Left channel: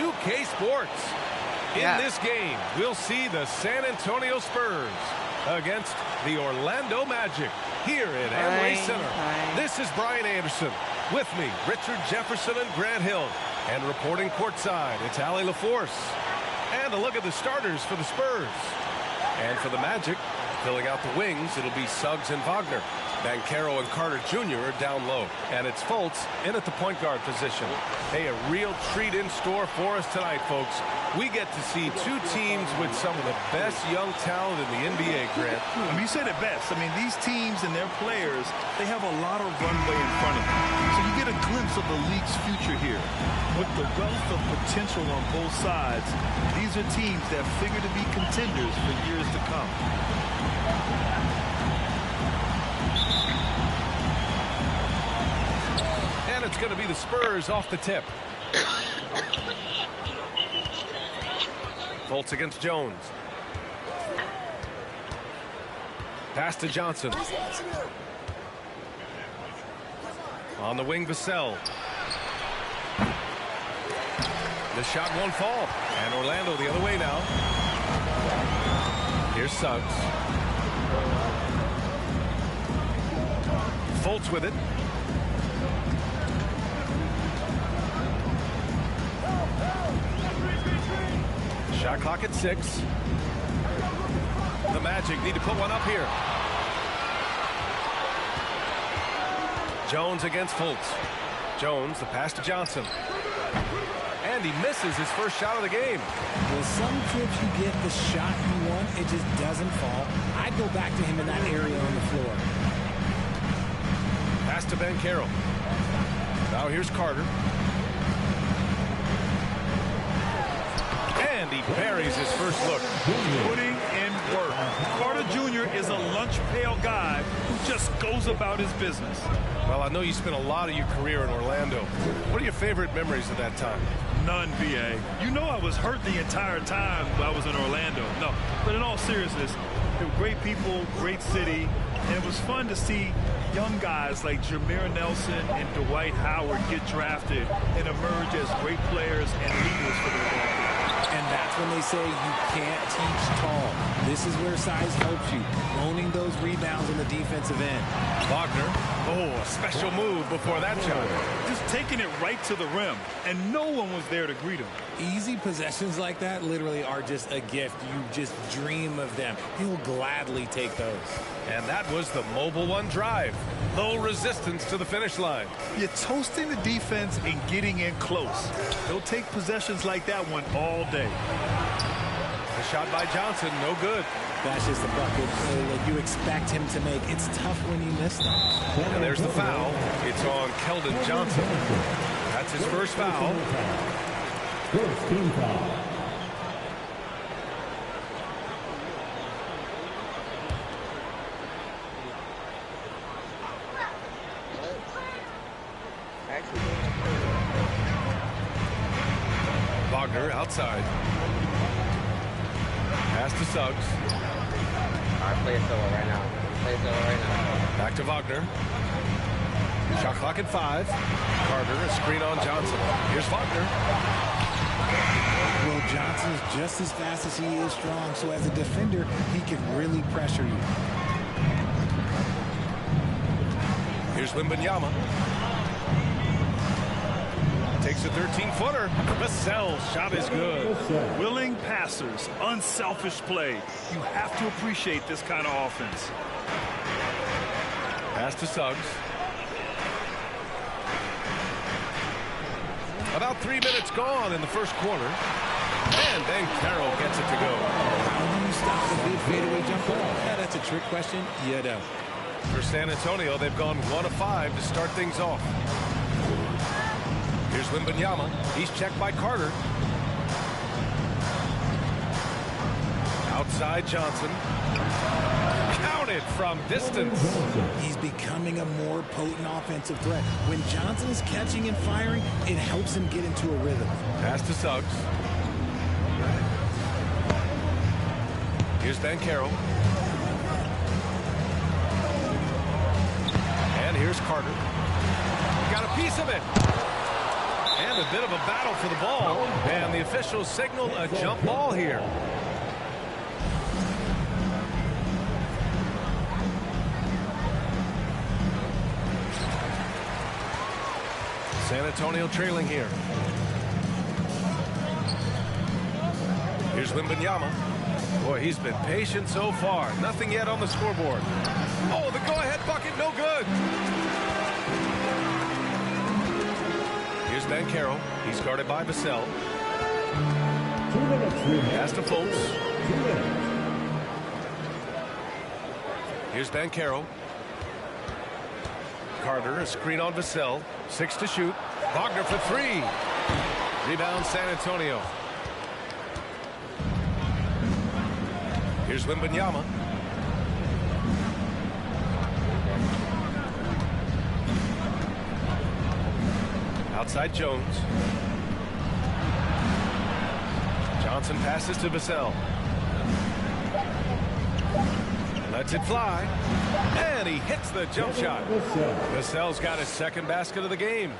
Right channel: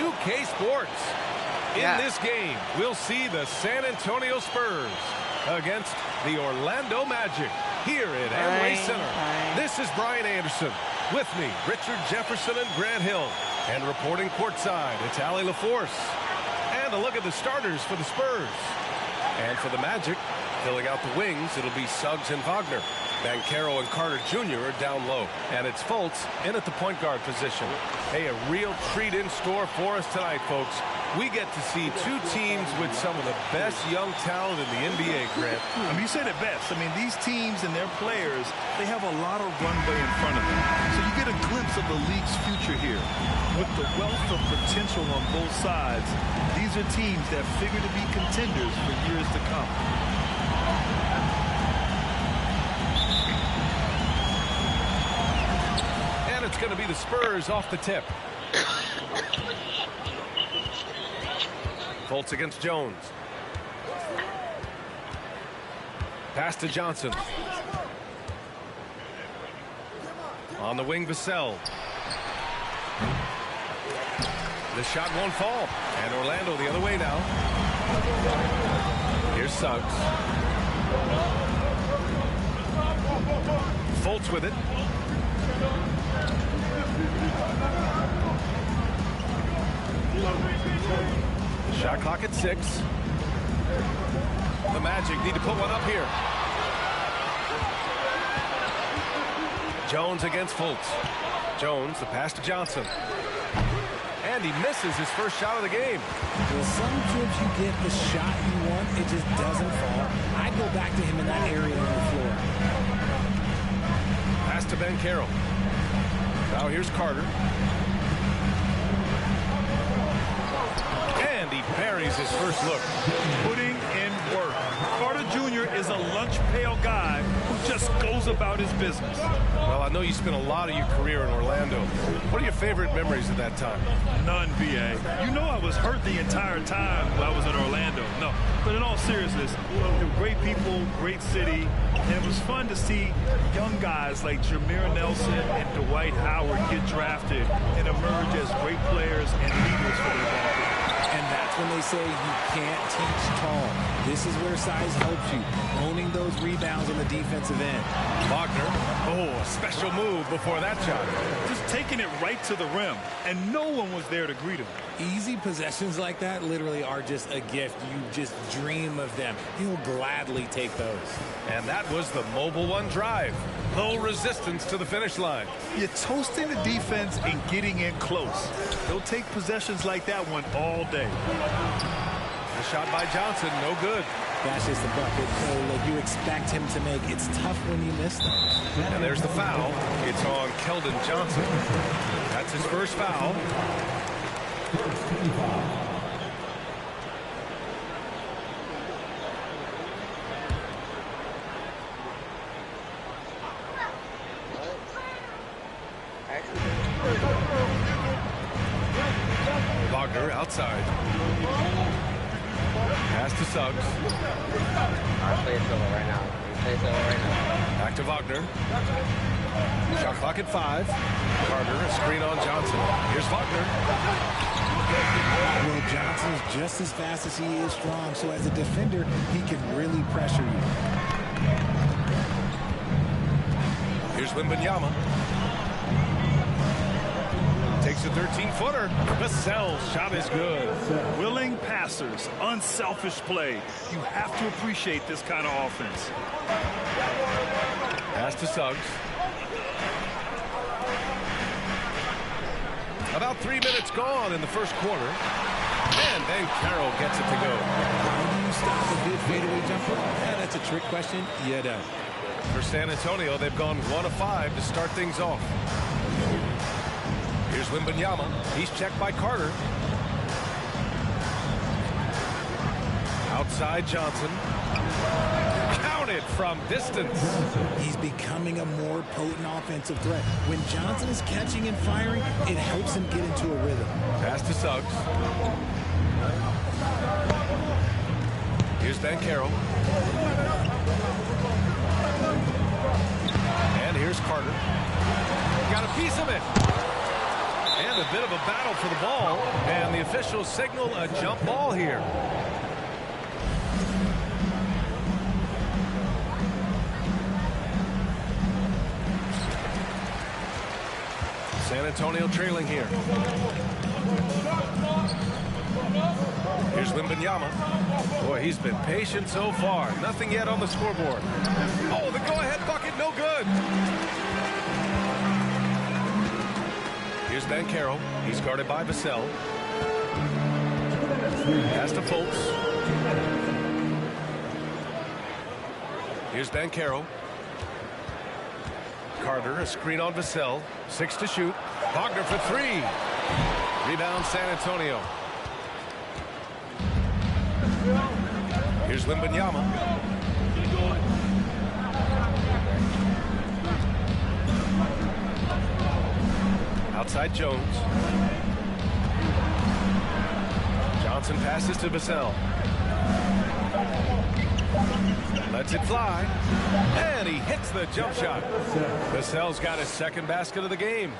2K Sports. In this game, we'll see the San Antonio Spurs against the Orlando Magic here at Amway Center. This is Brian Anderson. With me, Richard Jefferson and Grant Hill. And reporting courtside, it's Allie LaForce. And a look at the starters for the Spurs. And for the Magic, filling out the wings, it'll be Suggs and Wagner. Banchero and Carter Jr. are down low. And it's Fultz in at the point guard position. Hey, a real treat in store for us tonight, folks. We get to see two teams with some of the best young talent in the NBA, Grant. I mean, you said it best. I mean, these teams and their players, they have a lot of runway in front of them. So you get a glimpse of the league's future here. With the wealth of potential on both sides, these are teams that figure to be contenders for years to come. And it's going to be the Spurs off the tip. Fultz against Jones. Pass to Johnson. On the wing, Vassell. The shot won't fall. And Orlando the other way now. Here's Suggs. Fultz with it. Shot clock at 6. The Magic need to put one up here. Jones against Fultz. Jones, the pass to Johnson. And he misses his first shot of the game. Well, some trips you get the shot you want, it just doesn't fall. I'd go back to him in that area on the floor. Pass to Banchero. Now here's Carter. And he buries his first look. Putting in work. Carter Jr. is a lunch pail guy who just goes about his business. Well, I know you spent a lot of your career in Orlando. What are your favorite memories of that time? None, B.A. You know I was hurt the entire time I was in Orlando. No, but in all seriousness, they were great people, great city, and it was fun to see young guys like Jameer Nelson and Dwight Howard get drafted and emerge as great players and leaders for their ball club. And that's when they say you can't teach tall. This is where size helps you, owning those rebounds on the defensive end. Wagner, a special move before that shot. Just taking it right to the rim, and no one was there to greet him. Easy possessions like that literally are just a gift. You just dream of them. He'll gladly take those. And that was the mobile one drive. Low resistance to the finish line. You're toasting the defense and getting in close. They'll take possessions like that one all day. A shot by Johnson, no good. That's just the bucket that you expect him to make. It's tough when you miss them. And there's the foul. It's on Keldon Johnson. That's his first foul. First team foul. Wagner outside. Pass to Suggs. I'll play it solo right now. Back to Wagner. Shot clock at 5. Carter, a screen on Johnson. Here's Wagner. Well, Johnson is just as fast as he is strong, so as a defender, he can really pressure you. Here's Wembanyama. Takes a 13-footer. Vassell's shot is good. Willing passers, unselfish play. You have to appreciate this kind of offense. Pass to Suggs. About 3 minutes gone in the first quarter. And Banchero gets it to go. How do you stop a big fadeaway jumper? Yeah, that's a trick question. You don't. For San Antonio, they've gone 1 of 5 to start things off. Here's Wembanyama. He's checked by Carter. Outside Johnson. Counted from distance. He's becoming a more potent offensive threat. When Johnson is catching and firing, it helps him get into a rhythm. Pass to Suggs. Here's Banchero. And here's Carter. Got a piece of it. And a bit of a battle for the ball. And the officials signal a jump ball here. San Antonio trailing here. Here's Wembanyama. Boy, he's been patient so far. Nothing yet on the scoreboard. Oh, the go-ahead bucket, no good. Here's Banchero. He's guarded by Vassell. Pass to Fultz. Here's Banchero. Carter, a screen on Vassell. 6 to shoot. Wagner for 3. Rebound San Antonio. Here's Wembanyama. Outside Jones. Johnson passes to Vassell. Lets it fly. And he hits the jump shot. Vassell's got his second basket of the game.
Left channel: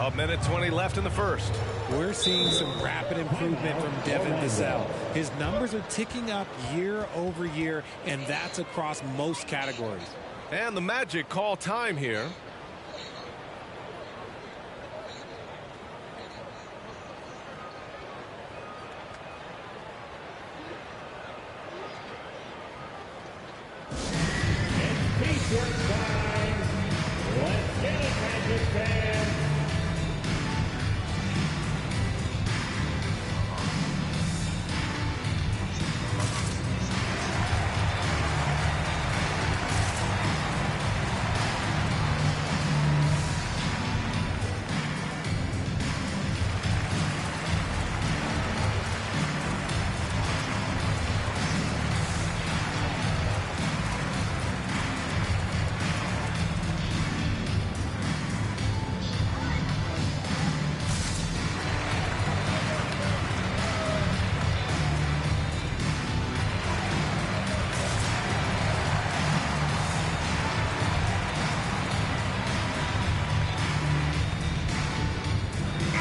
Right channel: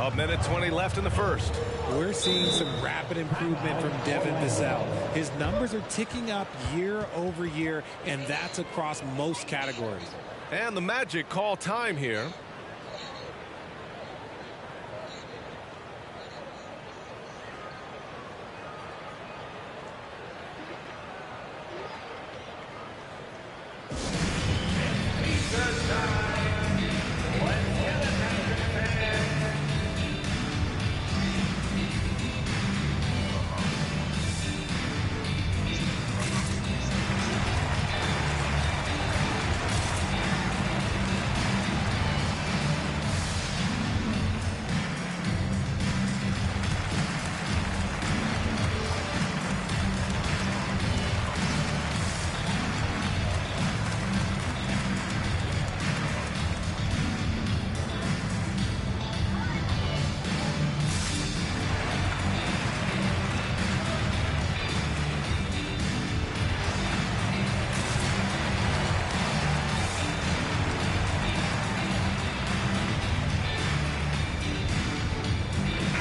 A minute 20 left in the first. We're seeing some rapid improvement from Devin Vassell. His numbers are ticking up year over year, and that's across most categories. And the Magic call time here.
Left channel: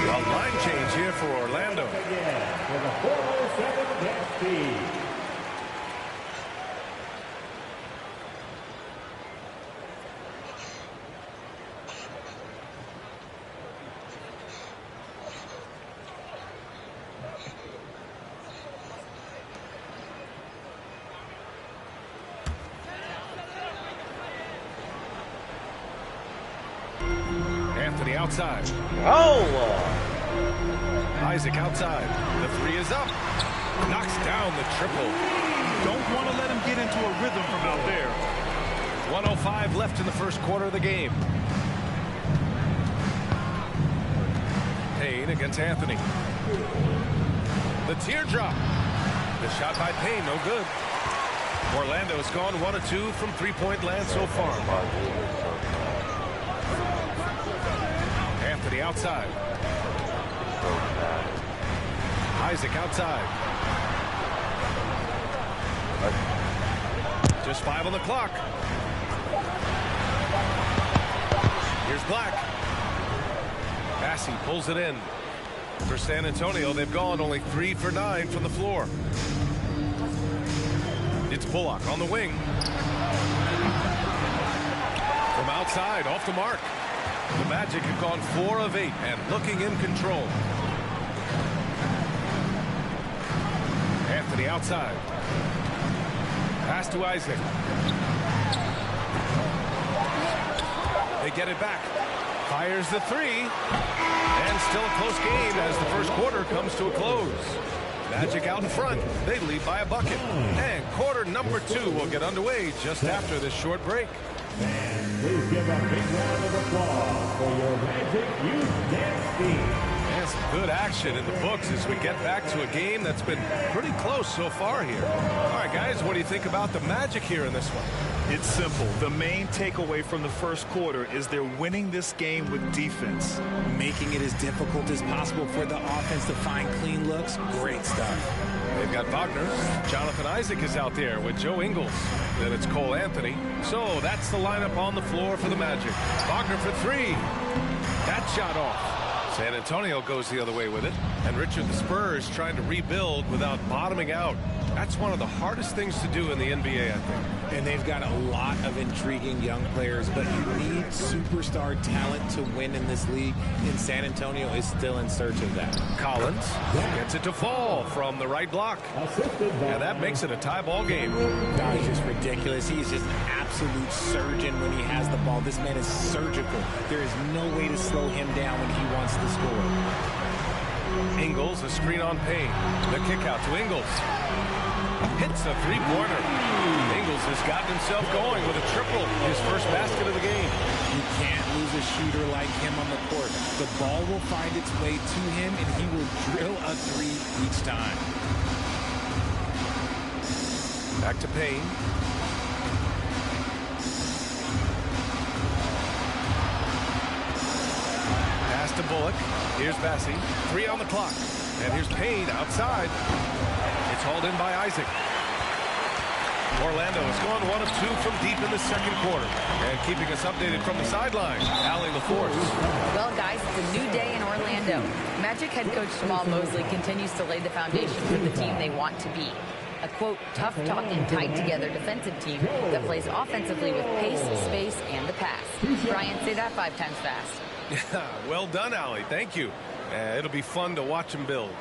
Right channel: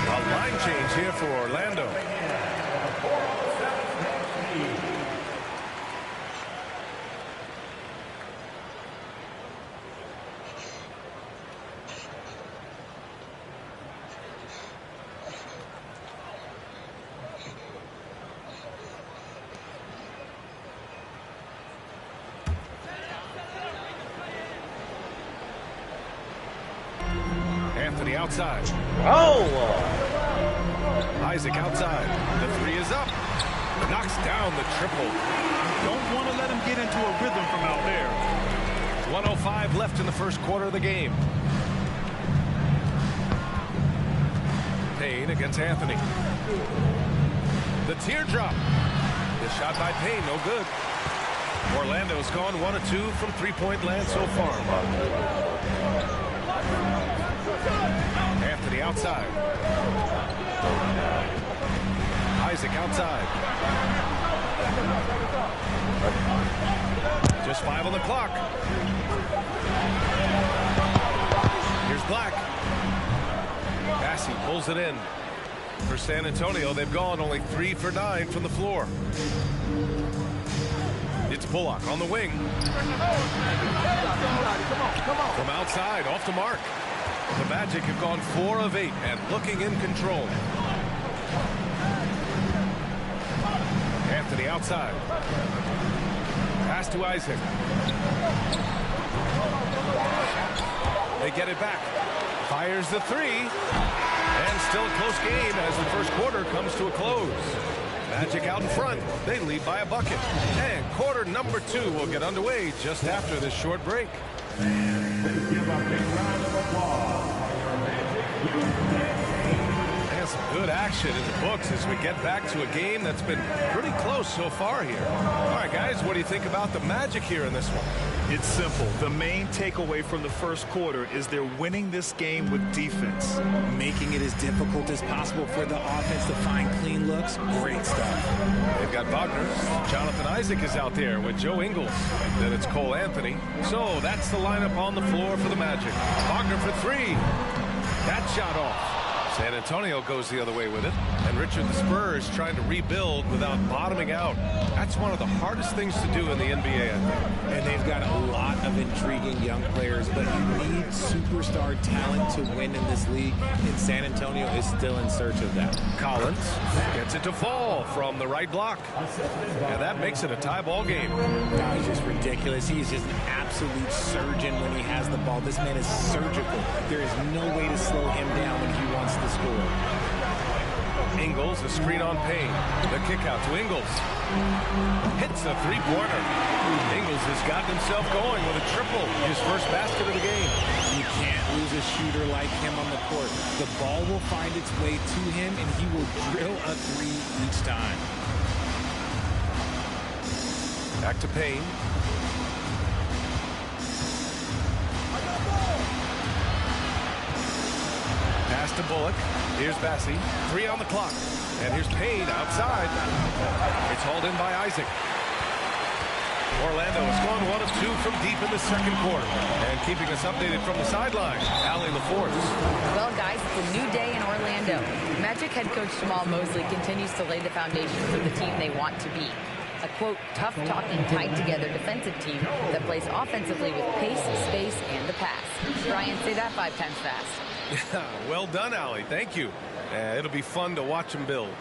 A line change here for Orlando. Anthony outside. Oh! Isaac outside. The 3 is up. Knocks down the triple. You don't want to let him get into a rhythm from out there. 1:05 left in the first quarter of the game. Payne against Anthony. The teardrop. The shot by Payne, no good. Orlando's gone 1 of 2 from three-point land so far. Anthony outside. Isaac outside. Just 5 on the clock. Here's Black. Bassey pulls it in. For San Antonio, they've gone only 3 for 9 from the floor. It's Bullock on the wing. From outside, off the mark. The Magic have gone 4 of 8 and looking in control. Anthony outside. Pass to Isaac. They get it back. Fires the 3. And still a close game as the first quarter comes to a close. Magic out in front. They lead by a bucket. And quarter number 2 will get underway just after this short break. And please give a big round of applause for your Magic Youth Dance Team. And some good action in the books as we get back to a game that's been pretty close so far here. All right, guys, what do you think about the Magic here in this one? It's simple. The main takeaway from the first quarter is they're winning this game with defense. Making it as difficult as possible for the offense to find clean looks. Great stuff. They've got Wagner. Jonathan Isaac is out there with Joe Ingles. Then it's Cole Anthony. So that's the lineup on the floor for the Magic. Wagner for 3. That shot off. San Antonio goes the other way with it. And Richard, the Spurs trying to rebuild without bottoming out. That's one of the hardest things to do in the NBA, I think. And they've got a lot of intriguing young players, but you need superstar talent to win in this league, and San Antonio is still in search of that. Collins gets it to fall from the right block. And that makes it a tie ball game. That is just ridiculous. He is just an absolute surgeon when he has the ball. This man is surgical. There is no way to slow him down when he wants to score. Ingles, a screen on Payne. The kick out to Ingles. Hits a three-pointer. Ingles has gotten himself going with a triple. His first basket of the game. You can't lose a shooter like him on the court. The ball will find its way to him, and he will drill a three each time. Back to Payne. Pass to Bullock. Here's Bassi. 3 on the clock. And here's Payne outside. It's hauled in by Isaac. Orlando has gone 1 of 2 from deep in the second quarter. And keeping us updated from the sideline, Allie LaForce. Well, guys, it's a new day in Orlando. Magic head coach Jamal Mosley continues to lay the foundation for the team they want to be. A, quote, tough-talking, tied-together defensive team that plays offensively with pace, space, and the pass. Brian, say that 5 times fast. Well done, Allie. Thank you. It'll be fun to watch him build.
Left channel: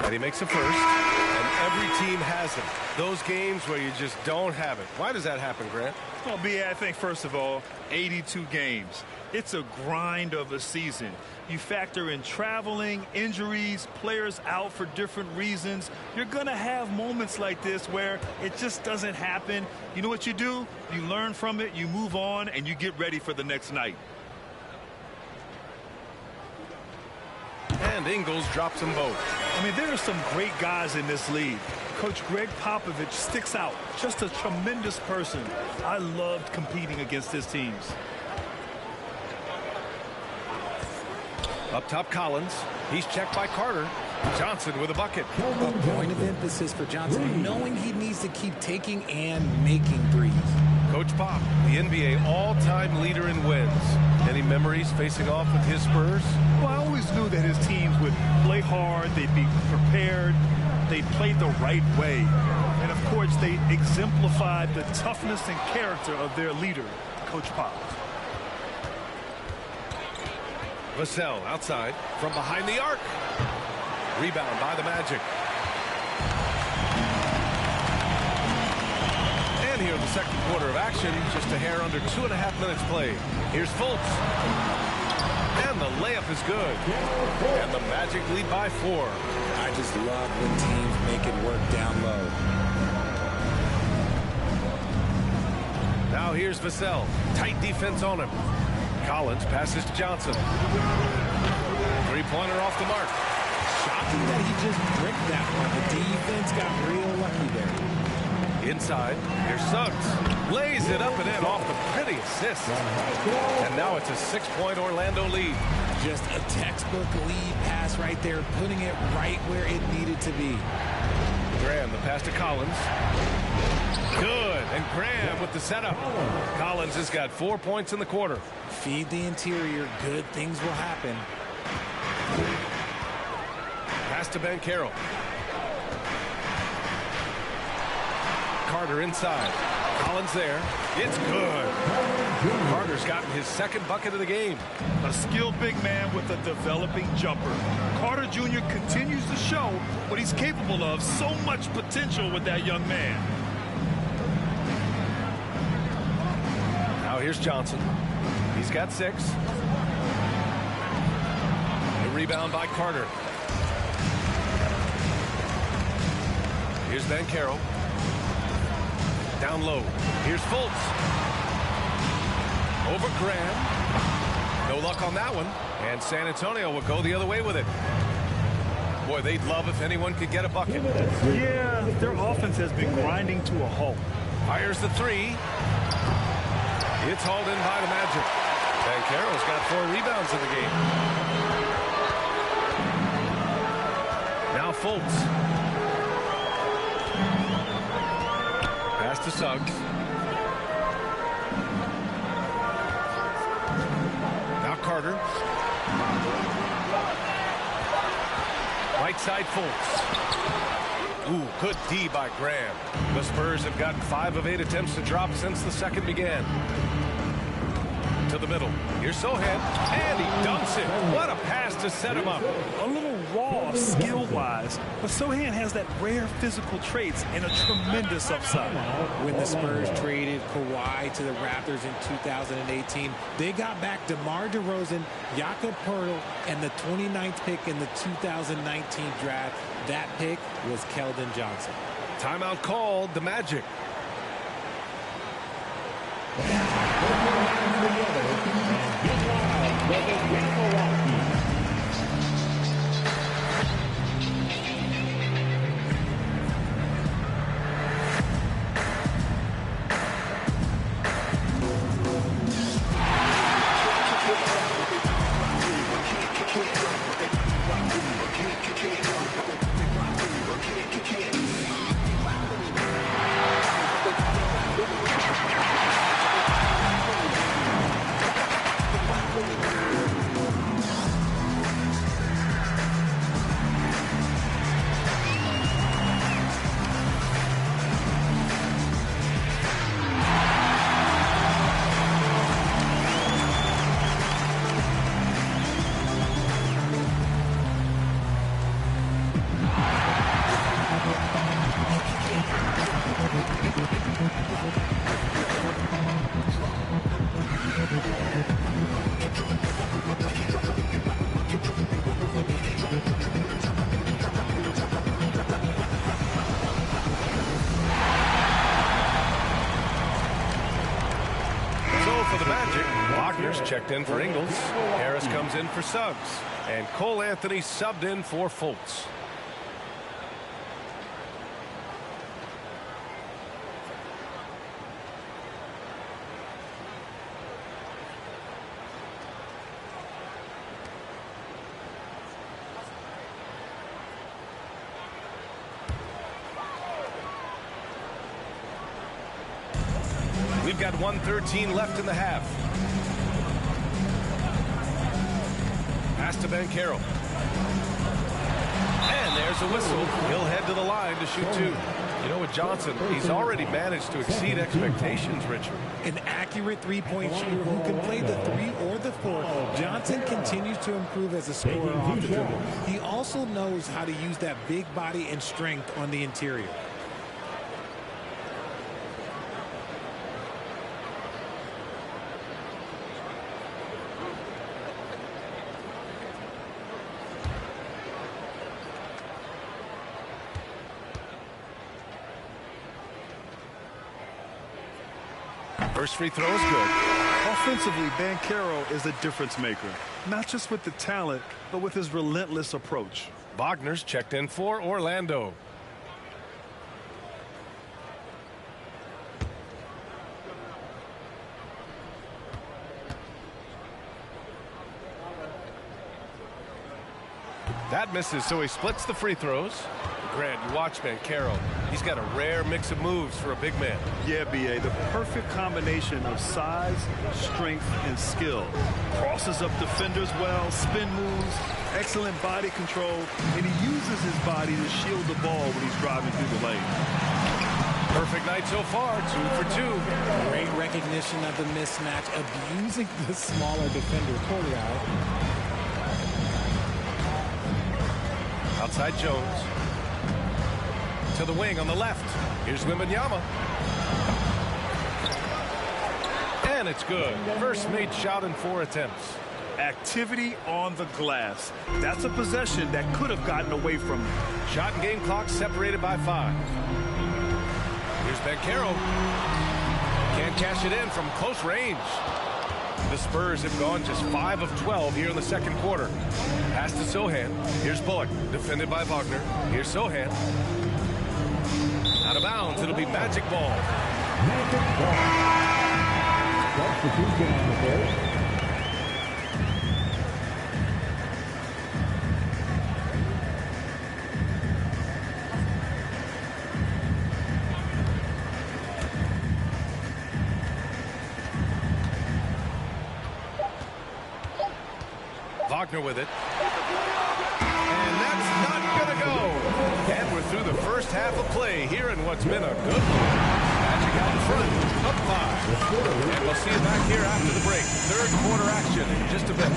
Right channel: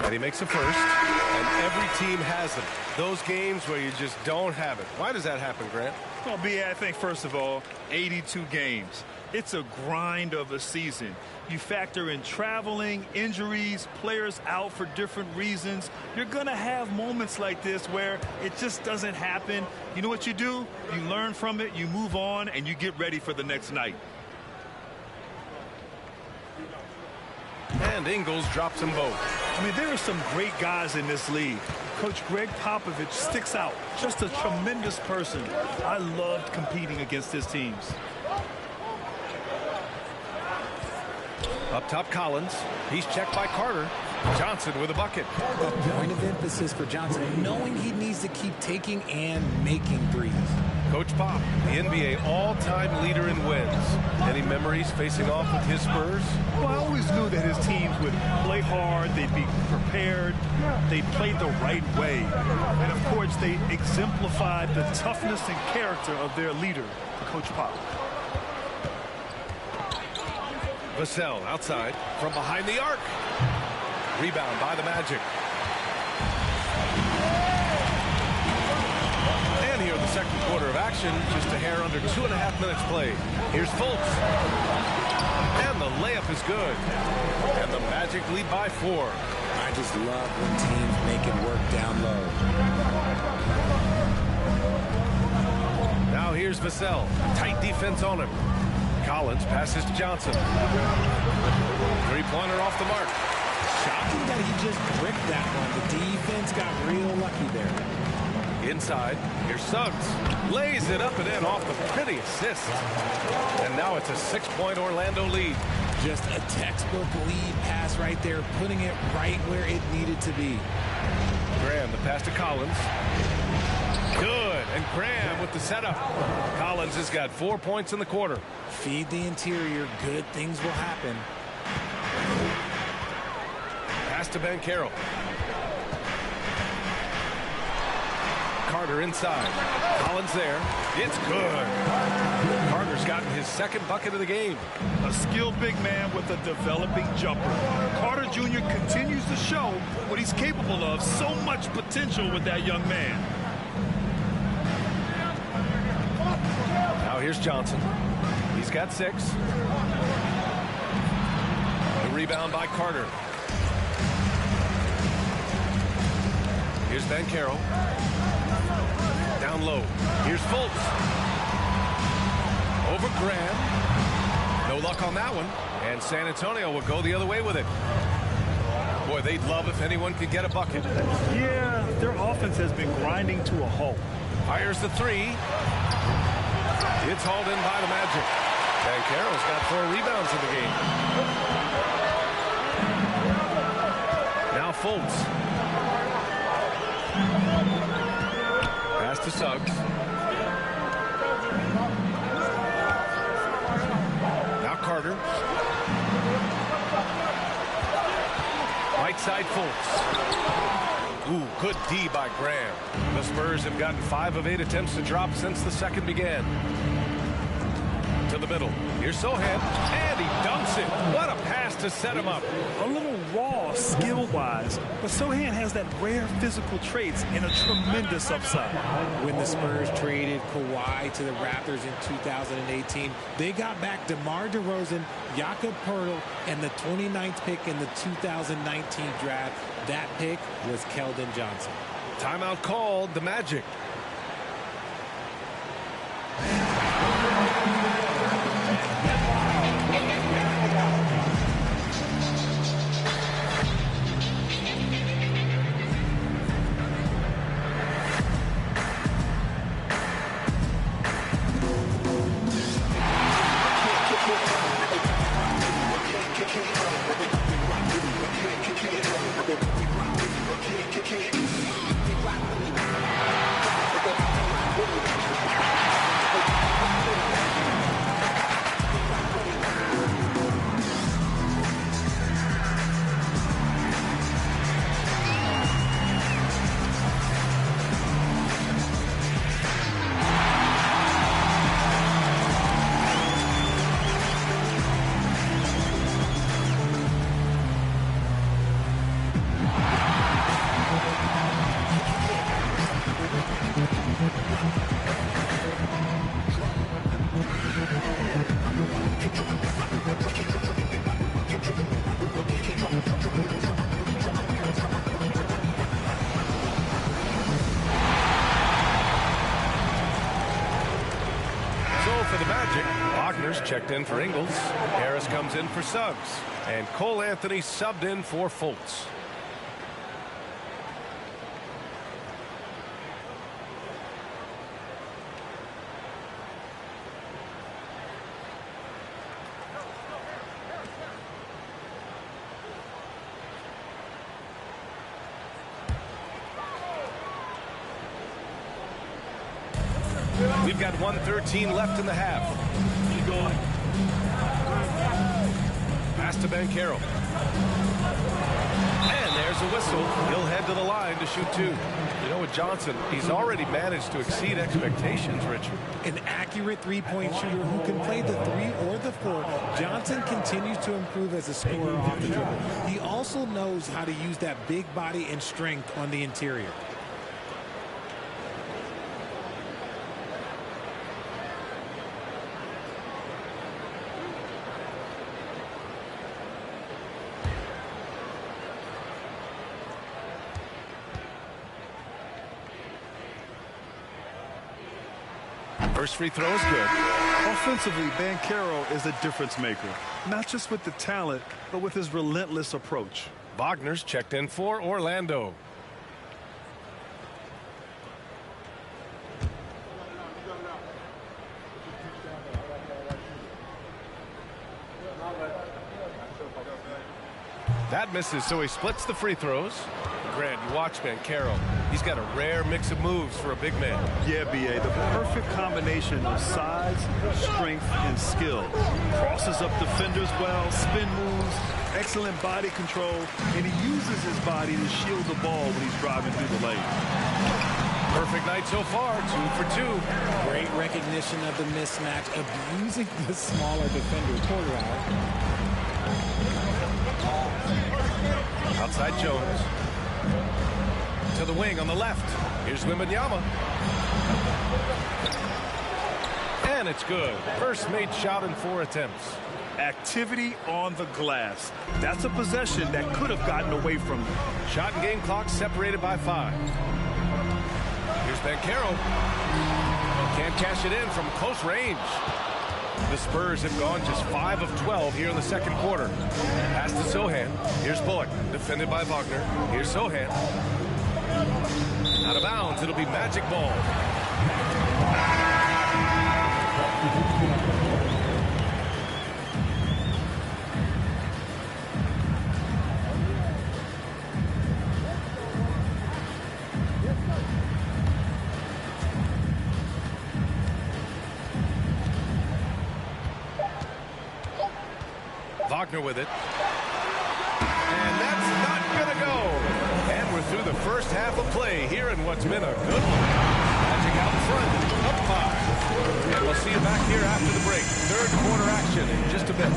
And he makes a first, and every team has him. Those games where you just don't have it. Why does that happen, Grant? Well, B.A., I think, first of all, 82 games. It's a grind of a season. You factor in traveling, injuries, players out for different reasons. You're going to have moments like this where it just doesn't happen. You know what you do? You learn from it, you move on, and you get ready for the next night. And Ingles drops them both. I mean, there are some great guys in this league. Coach Greg Popovich sticks out. Just a tremendous person. I loved competing against his teams. Up top, Collins. He's checked by Carter. Johnson with a bucket. A point of emphasis for Johnson, knowing he needs to keep taking and making threes. Coach Pop, the NBA all-time leader in wins. Any memories facing off with his Spurs? Well, I always knew that his teams would play hard, they'd be prepared, they'd play the right way. And, of course, they exemplified the toughness and character of their leader, Coach Pop. Vassell outside from behind the arc. Rebound by the Magic. And here the second quarter of action, just a hair under 2.5 minutes played. Here's Fultz. And the layup is good. And the Magic lead by 4. I just love when teams make it work down low. Now here's Vassell. Tight defense on him. Collins passes to Johnson. Three-pointer off the mark. Shocking that he just bricked that one. The defense got real lucky there. Inside, here's Suggs. Lays it up and in off the pretty assist. And now it's a 6-point Orlando lead. Just a textbook lead pass right there, putting it right where it needed to be. Graham, the pass to Collins. Good, and Graham with the setup. Collins has got 4 points in the quarter. Feed the interior, good things will happen. Pass to Banchero. Carter inside. Collins there. It's good. Carter's gotten his second bucket of the game. A skilled big man with a developing jumper. Carter Jr. continues to show what he's capable of. So much potential with that young man. Now here's Johnson. He's got 6. The rebound by Carter. Here's Banchero. Down low. Here's Fultz. Over Graham. No luck on that one. And San Antonio will go the other way with it. Boy, they'd love if anyone could get a bucket. Yeah, their offense has been grinding to a halt. Fires the 3. It's hauled in by the Magic. Banchero's got 4 rebounds in the game. Fultz. Pass to Suggs. Now Carter. Right side Fultz. Ooh, good D by Graham. The Spurs have gotten 5 of 8 attempts to drop since the second began. To the middle. Here's Sohan, and he dunks it. What a pass to set him up. A little raw skill-wise, but Sohan has that rare physical traits and a tremendous upside. When the Spurs traded Kawhi to the Raptors in 2018, they got back DeMar DeRozan, Jakob Poeltl, and the 29th pick in the 2019 draft. That pick was Keldon Johnson. Timeout called, the Magic. For the Magic, Wagner's checked in for Ingles. Harris comes in for Suggs. And Cole Anthony subbed in for Fultz. We've got 1:13 left in the half. Pass to Banchero. And there's a whistle. He'll head to the line to shoot 2. You know, with Johnson, he's already managed to exceed expectations, Richard. An accurate three-point shooter who can play the 3 or the 4. Johnson continues to improve as a scorer off the dribble. He also knows how to use that big body and strength on the interior. First free throw is good. Offensively, Banchero is a difference maker, not just with the talent, but with his relentless approach. Wagner's checked in for Orlando. That misses, so he splits the free throws. Grant, you watch Banchero. He's got a rare mix of moves for a big man. Yeah, B.A., the perfect combination of size, strength, and skill. Crosses up defenders well, spin moves, excellent body control, and he uses his body to shield the ball when he's driving through the lane. Perfect night so far, 2 for 2. Great recognition of the mismatch, abusing the smaller defender. Poor guy. Outside Jones. To the wing on the left. Here's Wembanyama. And it's good. First made shot in 4 attempts. Activity on the glass. That's a possession that could have gotten away from him. Shot and game clock separated by 5. Here's Banchero. Can't cash it in from close range. The Spurs have gone just 5 of 12 here in the second quarter. Pass to Sohan. Here's Bullock, defended by Wagner. Here's Sohan. Out of bounds, it'll be Magic ball. Wagner with it. And that's not going to go. And we're through the first half of play here in what's been a good one. Magic out in front, up 5. And we'll see you back here after the break. Third quarter action in just a bit.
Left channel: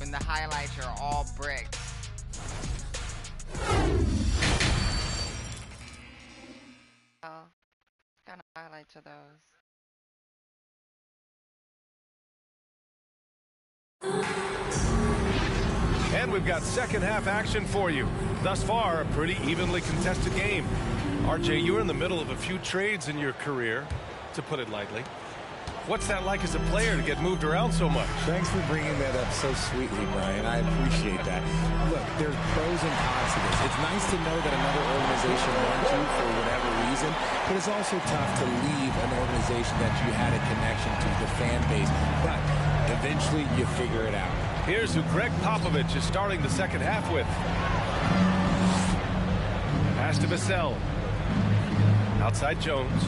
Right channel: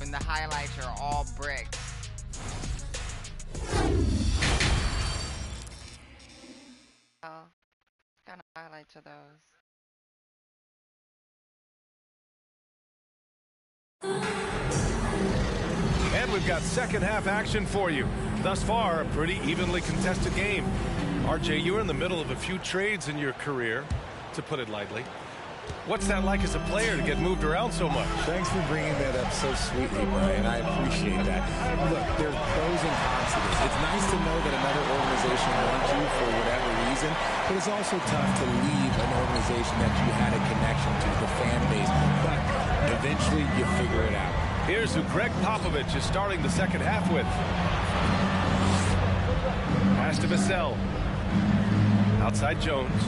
When the highlights are all bricks. Oh, what kind of highlights are those? And we've got second half action for you. Thus far, a pretty evenly contested game. RJ, you're in the middle of a few trades in your career, to put it lightly. What's that like as a player to get moved around so much? Thanks for bringing that up so sweetly, Brian. I appreciate that. Look, there's pros and cons to this. It's nice to know that another organization wants you for whatever reason, but it's also tough to leave an organization that you had a connection to, the fan base. But eventually, you figure it out. Here's who Greg Popovich is starting the second half with. Pass to Vassell. Outside Jones.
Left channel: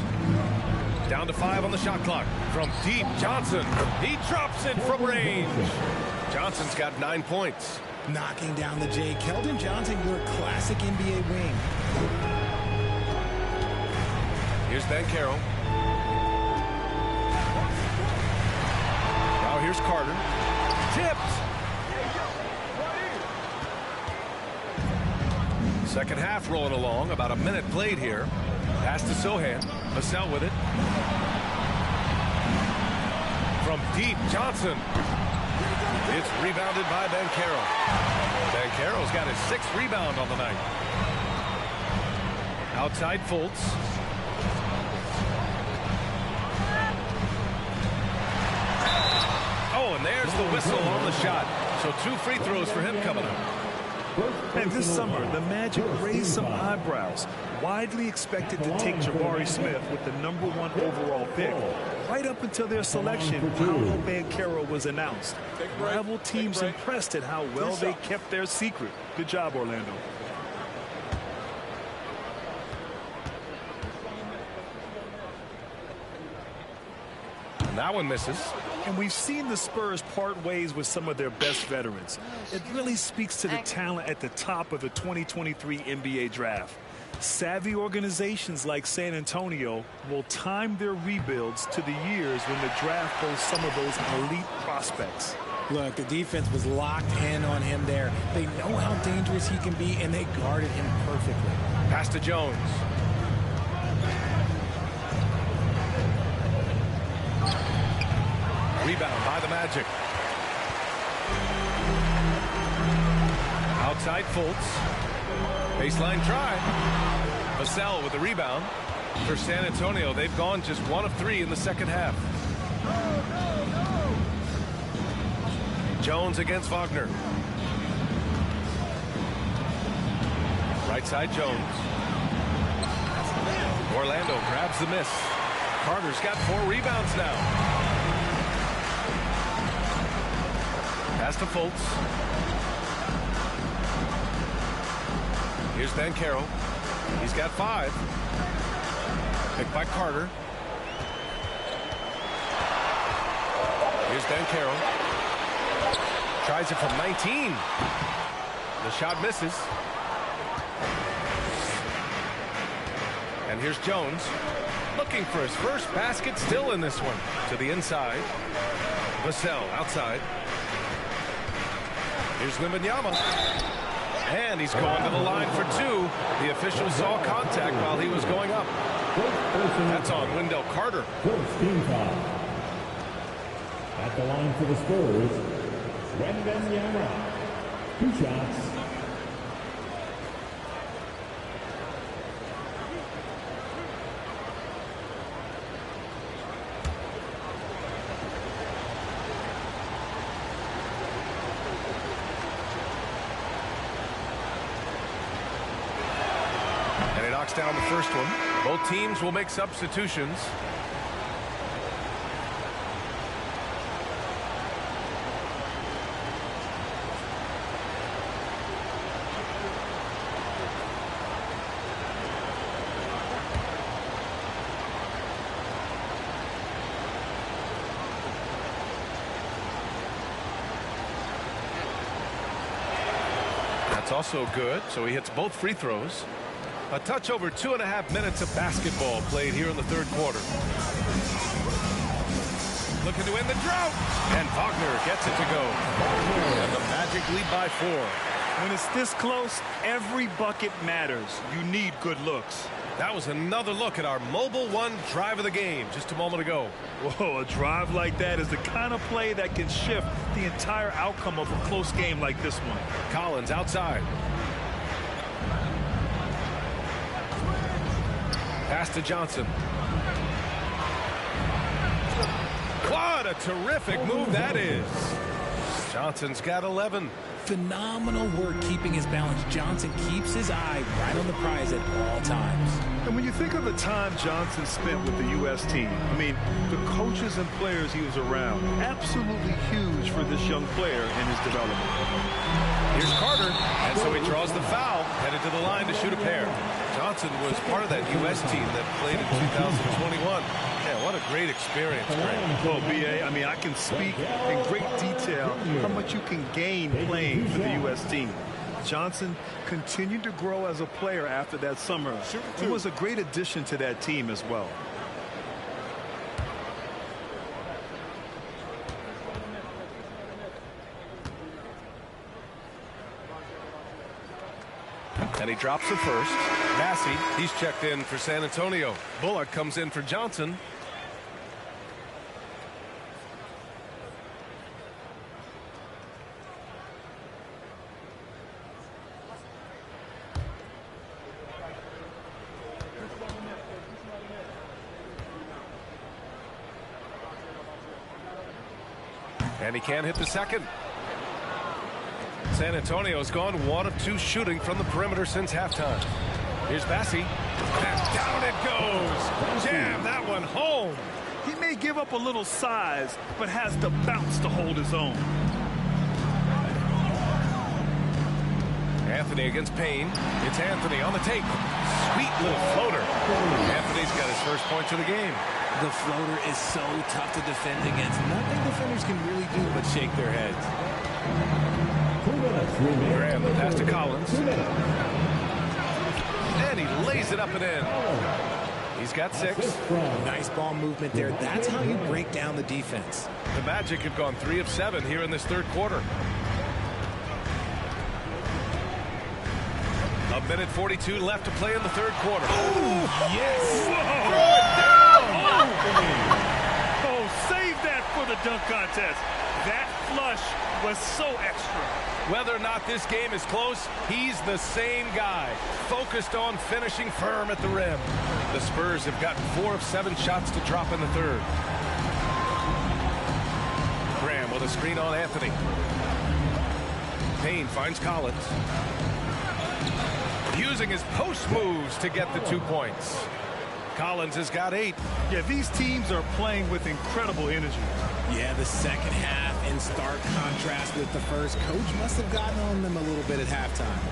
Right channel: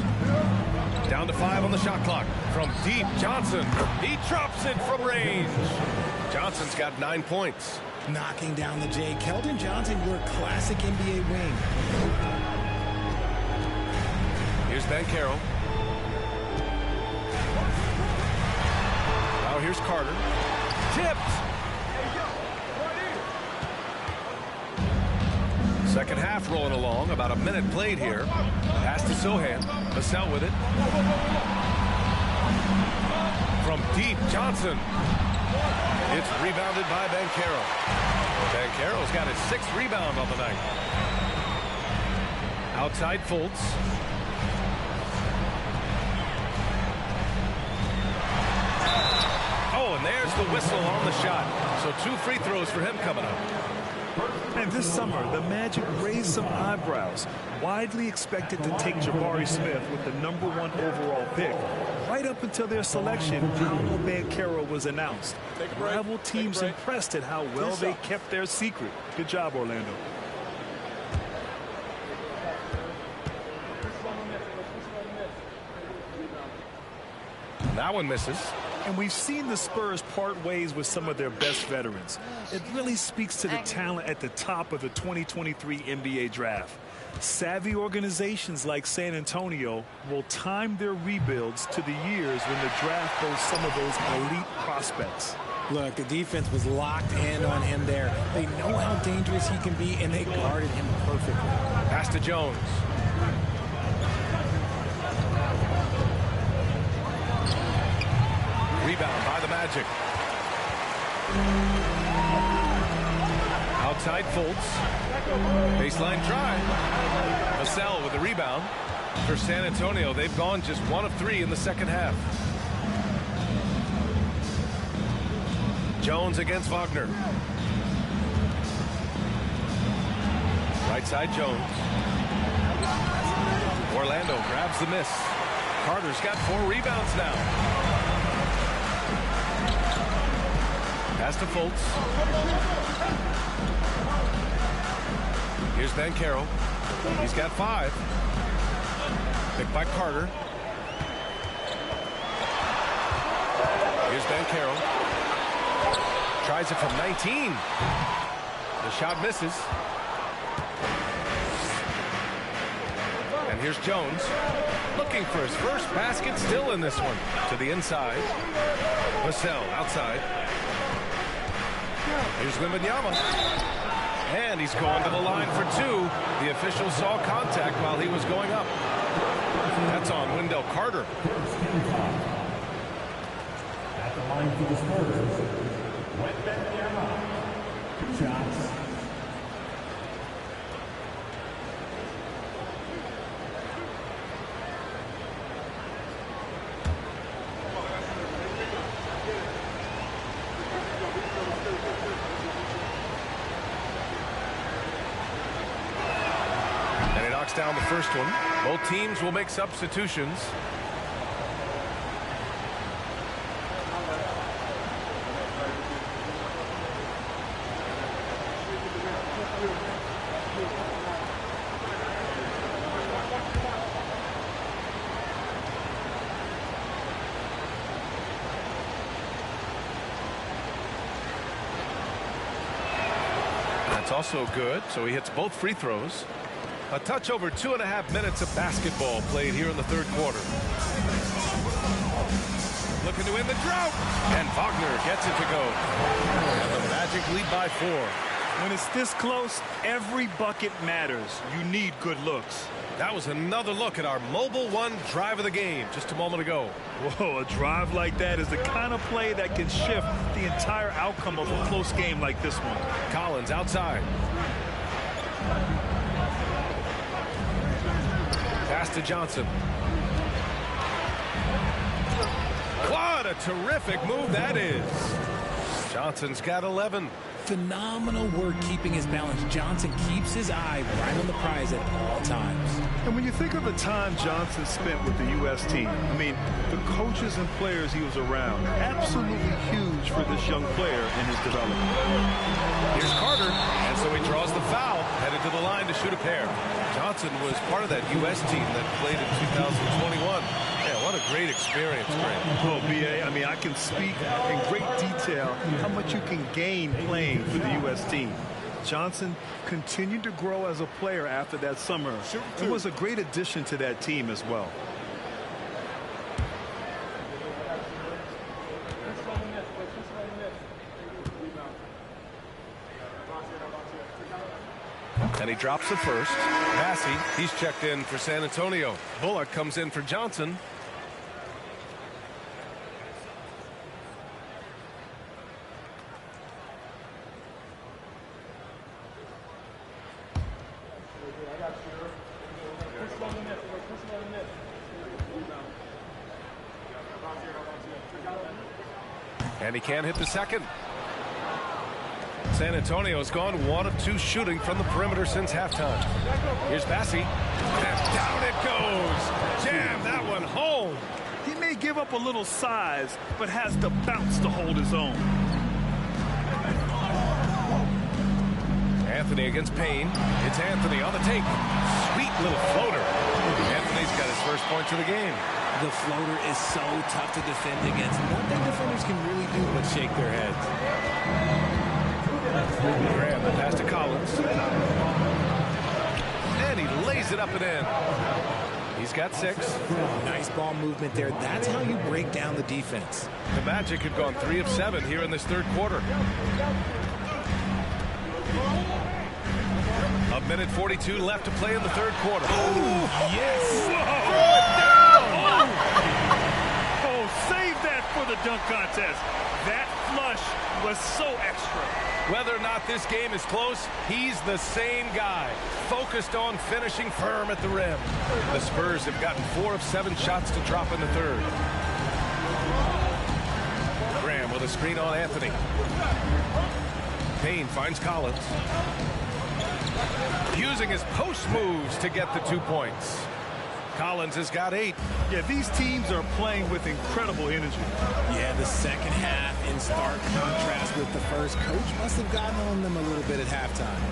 Down to 5 on the shot clock. From deep, Johnson. He drops it from range. Johnson's got 9 points. Knocking down the J. Keldon Johnson, your classic NBA wing. Here's Banchero. Now here's Carter. Tipped. Second half rolling along. About a minute played here. Pass to Sohan. Vassell with it. From deep, Johnson. It's rebounded by Banchero. Banchero's got his 6th rebound on the night. Outside Fultz. Oh, and there's the whistle on the shot. So 2 free throws for him coming up. And this summer, the Magic raised some eyebrows. Widely expected to take Jabari Smith with the #1 overall pick. Right up until their selection, Paolo Banchero was announced. Rival teams impressed at how well they kept their secret. Good job, Orlando. And that one misses. And we've seen the Spurs part ways with some of their best veterans. It really speaks to the talent at the top of the 2023 NBA draft. Savvy organizations like San Antonio will time their rebuilds to the years when the draft boasts some of those elite prospects. Look, the defense was locked in on him there. They know how dangerous he can be, and they guarded him perfectly. Pass to Jones. Rebound by the Magic. Outside Fultz. Baseline try. Vassell with the rebound. For San Antonio, they've gone just 1 of 3 in the second half. Jones against Wagner. Right side Jones. Orlando grabs the miss. Carter's got 4 rebounds now. Pass to Fultz. Here's Banchero. He's got 5. Picked by Carter. Here's Banchero. Tries it from 19. The shot misses. And here's Jones. Looking for his first basket, still in this one. To the inside. Vassell outside. Here's Wembanyama. And he's going to the line for 2. The official saw contact while he was going up. That's on Wendell Carter. First team foul. At the line for the Spurs, Wembanyama. 2 shots. And he knocks down the first one. Both teams will make substitutions. That's also good, so he hits both free throws. A touch over 2.5 minutes of basketball played here in the third quarter. Looking to end the drought. And Wagner gets it to go. And the Magic lead by 4. When it's this close, every bucket matters. You need good looks. That was another look at our Mobile One drive of the game just a moment ago. Whoa, a drive like that is the kind of play that can shift the entire outcome of a close game like this one. Collins outside. Pass to Johnson. What a terrific move that is. Johnson's got 11. Phenomenal work keeping his balance. Johnson keeps his eye right on the prize at all times. And when you think of the time Johnson spent with the U.S. team, I mean, the coaches and players he was around, absolutely huge for this young player in his development. Here's Carter, and so he draws the foul, headed to the line to shoot a pair. Johnson was part of that U.S. team that played in 2021. Yeah, what a great experience, Greg. Well, B.A., I mean, I can speak in great detail how much you can gain playing for the U.S. team. Johnson continued to grow as a player after that summer. It was a great addition to that team as well. And he drops the first. Massey, he's checked in for San Antonio. Bullock comes in for Johnson. And he can't hit the second. San Antonio's gone 1 of 2 shooting from the perimeter since halftime. Here's Massey. And down it goes. Jam that one home. He may give up a little size, but has the bounce to hold his own. Anthony against Payne. It's Anthony on the take. Sweet little floater. Anthony's got his first points of the game. The floater is so tough to defend against. Nothing defenders can really do but shake their heads. Graham, the pass to Collins. And he lays it up and in. He's got 6. Nice ball movement there. That's how you break down the defense. The Magic have gone 3 of 7 here in this third quarter. A minute 42 left to play in the third quarter. Oh, yes. Whoa. Throw it down. Oh, save that for the dunk contest. That flush was so extra. Whether or not this game is close, he's the same guy, focused on finishing firm at the rim. The Spurs have gotten 4 of 7 shots to drop in the third. Graham with a screen on Anthony. Payne finds Collins. using his post moves to get the 2 points. Collins has got 8. Yeah, these teams are playing with incredible energy. Yeah, the second half in stark contrast with the first. Coach must have gotten on them a little bit at halftime.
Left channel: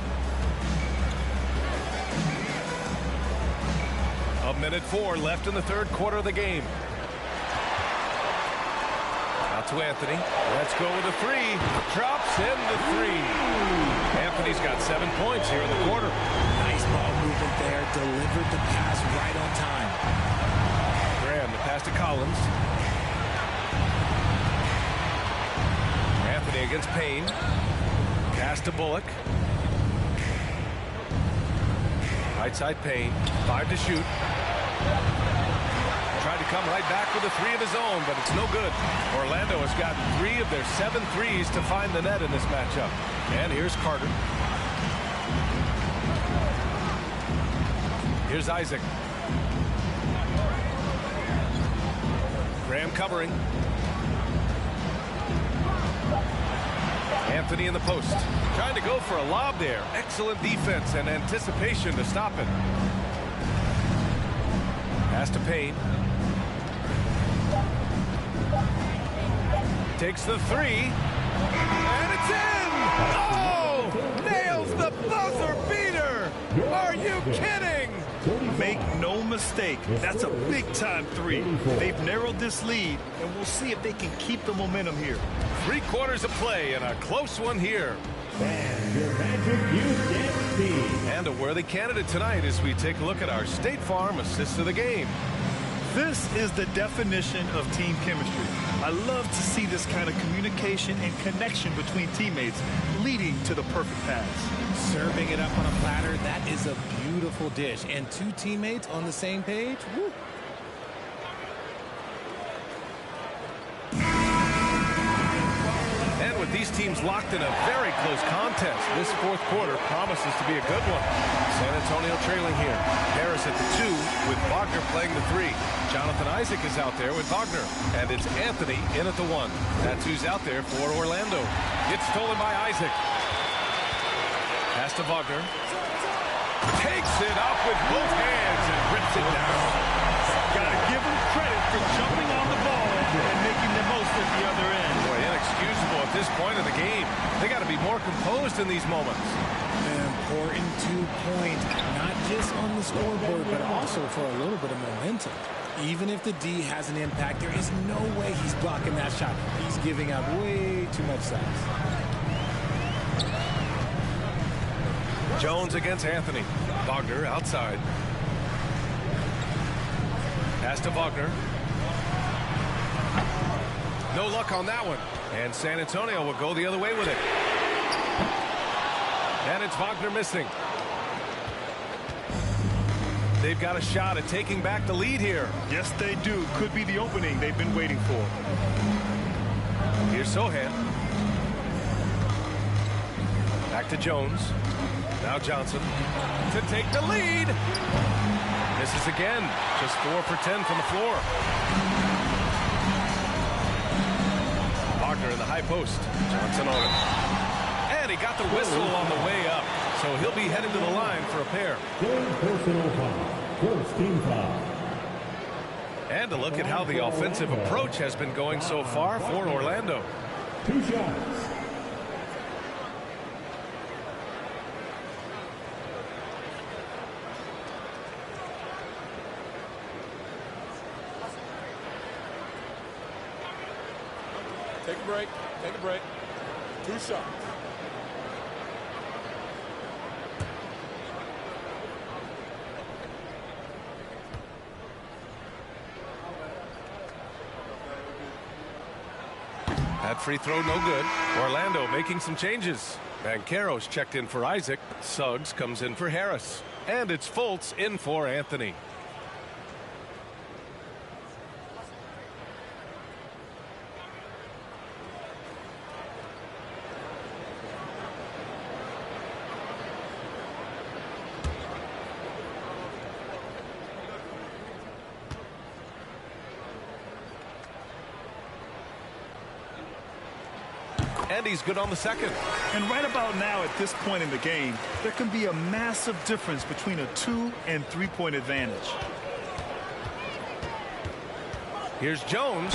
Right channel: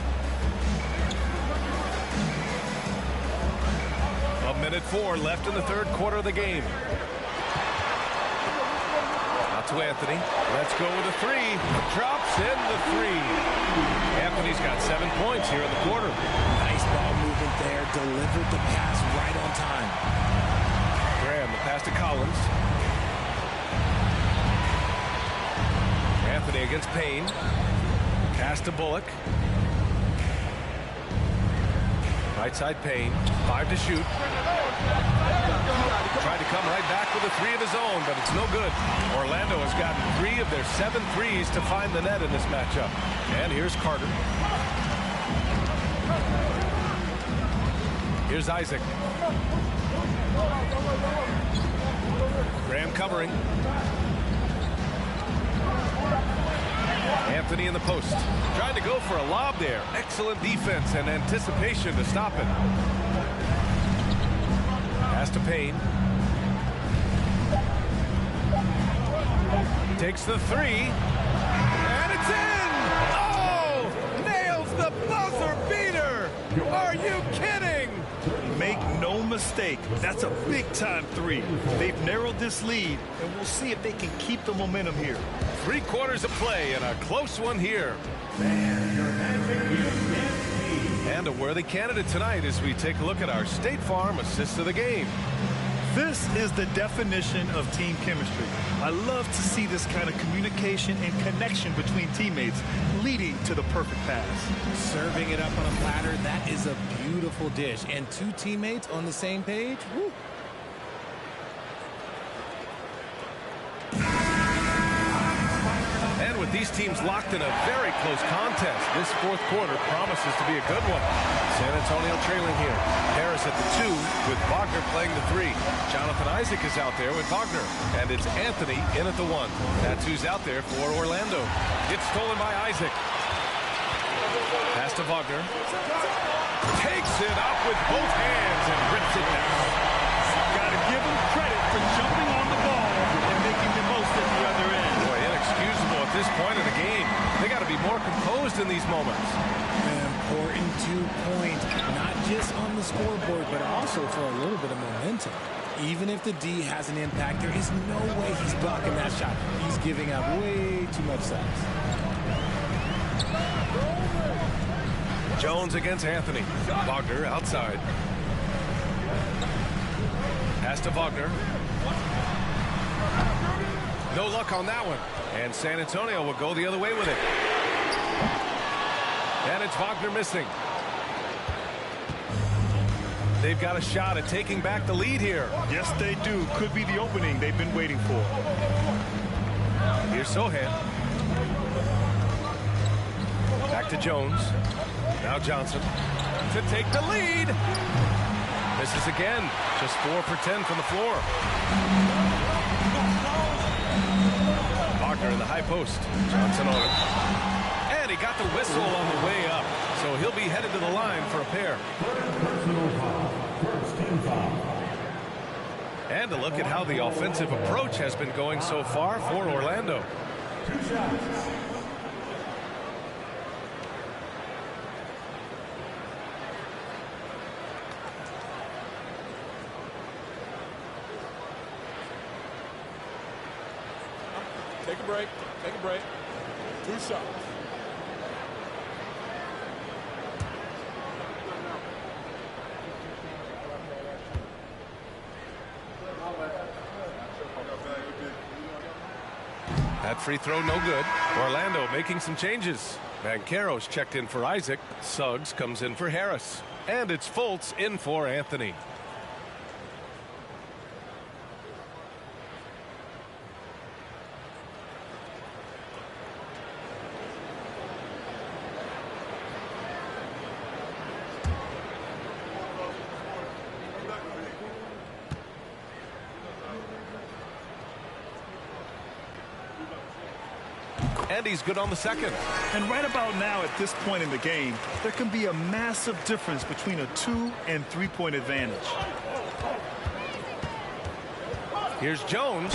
A minute 4 left in the third quarter of the game. Out to Anthony. Let's go with a 3. Drops in the 3. Anthony's got 7 points here in the quarter. Nice ball movement there. Delivered the pass right on time. Graham, the pass to Collins. Anthony against Payne. Pass to Bullock. Right side Payne. 5 to shoot. Tried to come right back with a 3 of his own, but it's no good. Orlando has gotten 3 of their 7 threes to find the net in this matchup. And here's Carter. Here's Isaac. Graham covering. Anthony in the post. Trying to go for a lob there. Excellent defense and anticipation to stop it. Pass to Payne. Takes the 3. And it's in! Oh! Nails the buzzer beater! Are you kidding? Make no mistake, that's a big-time 3. They've narrowed this lead, and we'll see if they can keep the momentum here. 3 quarters of play and a close one here. And your Magic Youth team. And a worthy candidate tonight as we take a look at our State Farm assist of the game. This is the definition of team chemistry. I love to see this kind of communication and connection between teammates leading to the perfect pass. Serving it up on a platter, that is a beautiful dish. And 2 teammates on the same page, woo. And with these teams locked in a very close contest, this fourth quarter promises to be a good one. San Antonio trailing here. Harris at the 2 with Wagner playing the 3. Jonathan Isaac is out there with Wagner. And it's Anthony in at the 1. That's who's out there for Orlando. Gets stolen by Isaac. Pass to Wagner. Takes it up with both hands and rips it down. Got to give him credit for jumping on the ball and making the most at the other end. Boy, inexcusable at this point of the game. They got to be more composed in these moments. An important 2 points, not just on the scoreboard, but also for a little bit of momentum. Even if the D has an impact, there is no way he's blocking that shot. He's giving up way too much size. Jones against Anthony. Wagner outside. Pass to Wagner. No luck on that one. And San Antonio will go the other way with it. And it's Wagner missing. They've got a shot at taking back the lead here. Yes, they do. Could be the opening they've been waiting for. Here's Sohan. Back to Jones. Now Johnson to take the lead. Misses again. Just 4 for 10 from the floor. Wagner in the high post. Johnson on it. And he got the whistle on the way up. So he'll be headed to the line for a pair. Personal foul. First team foul. And a look at how the offensive approach has been going so far for Orlando. 2 shots. Take a break. Take a break. 2 shots. That free throw no good. Orlando making some changes. Banchero's checked in for Isaac. Suggs comes in for Harris. And it's Fultz in for Anthony. And he's good on the second. And right about now, at this point in the game, there can be a massive difference between a 2- and 3-point advantage. Here's Jones.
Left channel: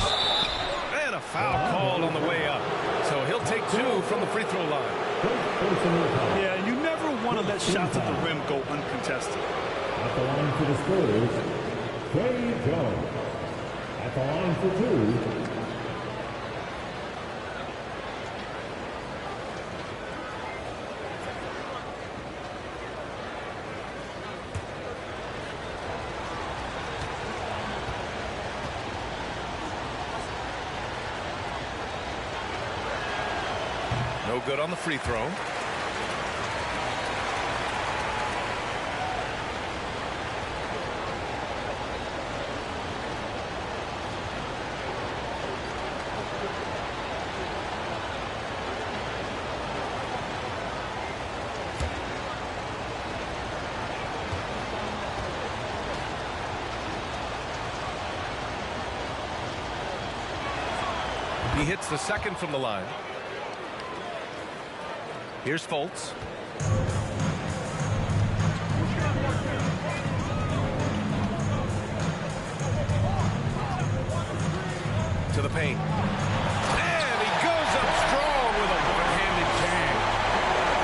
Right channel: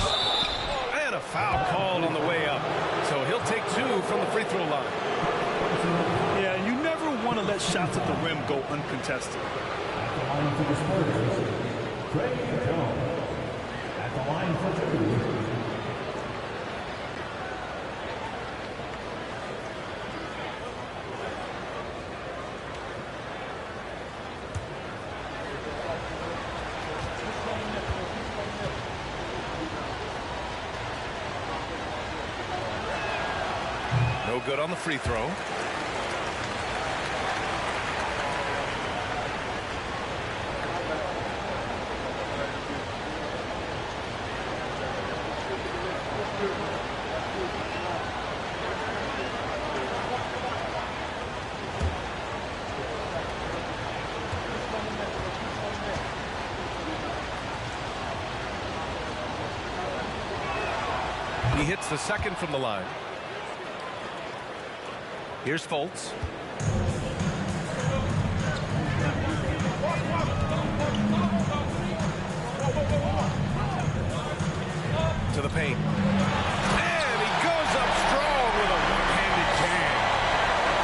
And a foul called on the way up. So he'll take 2 from the free throw line. Yeah, and you never want to let shots at the rim go uncontested. At the line for the Spurs, Trey Jones. At the line for 2. No good on the free throw. He hits the second from the line. Here's Fultz. To the paint. And he goes up strong with a one-handed jam.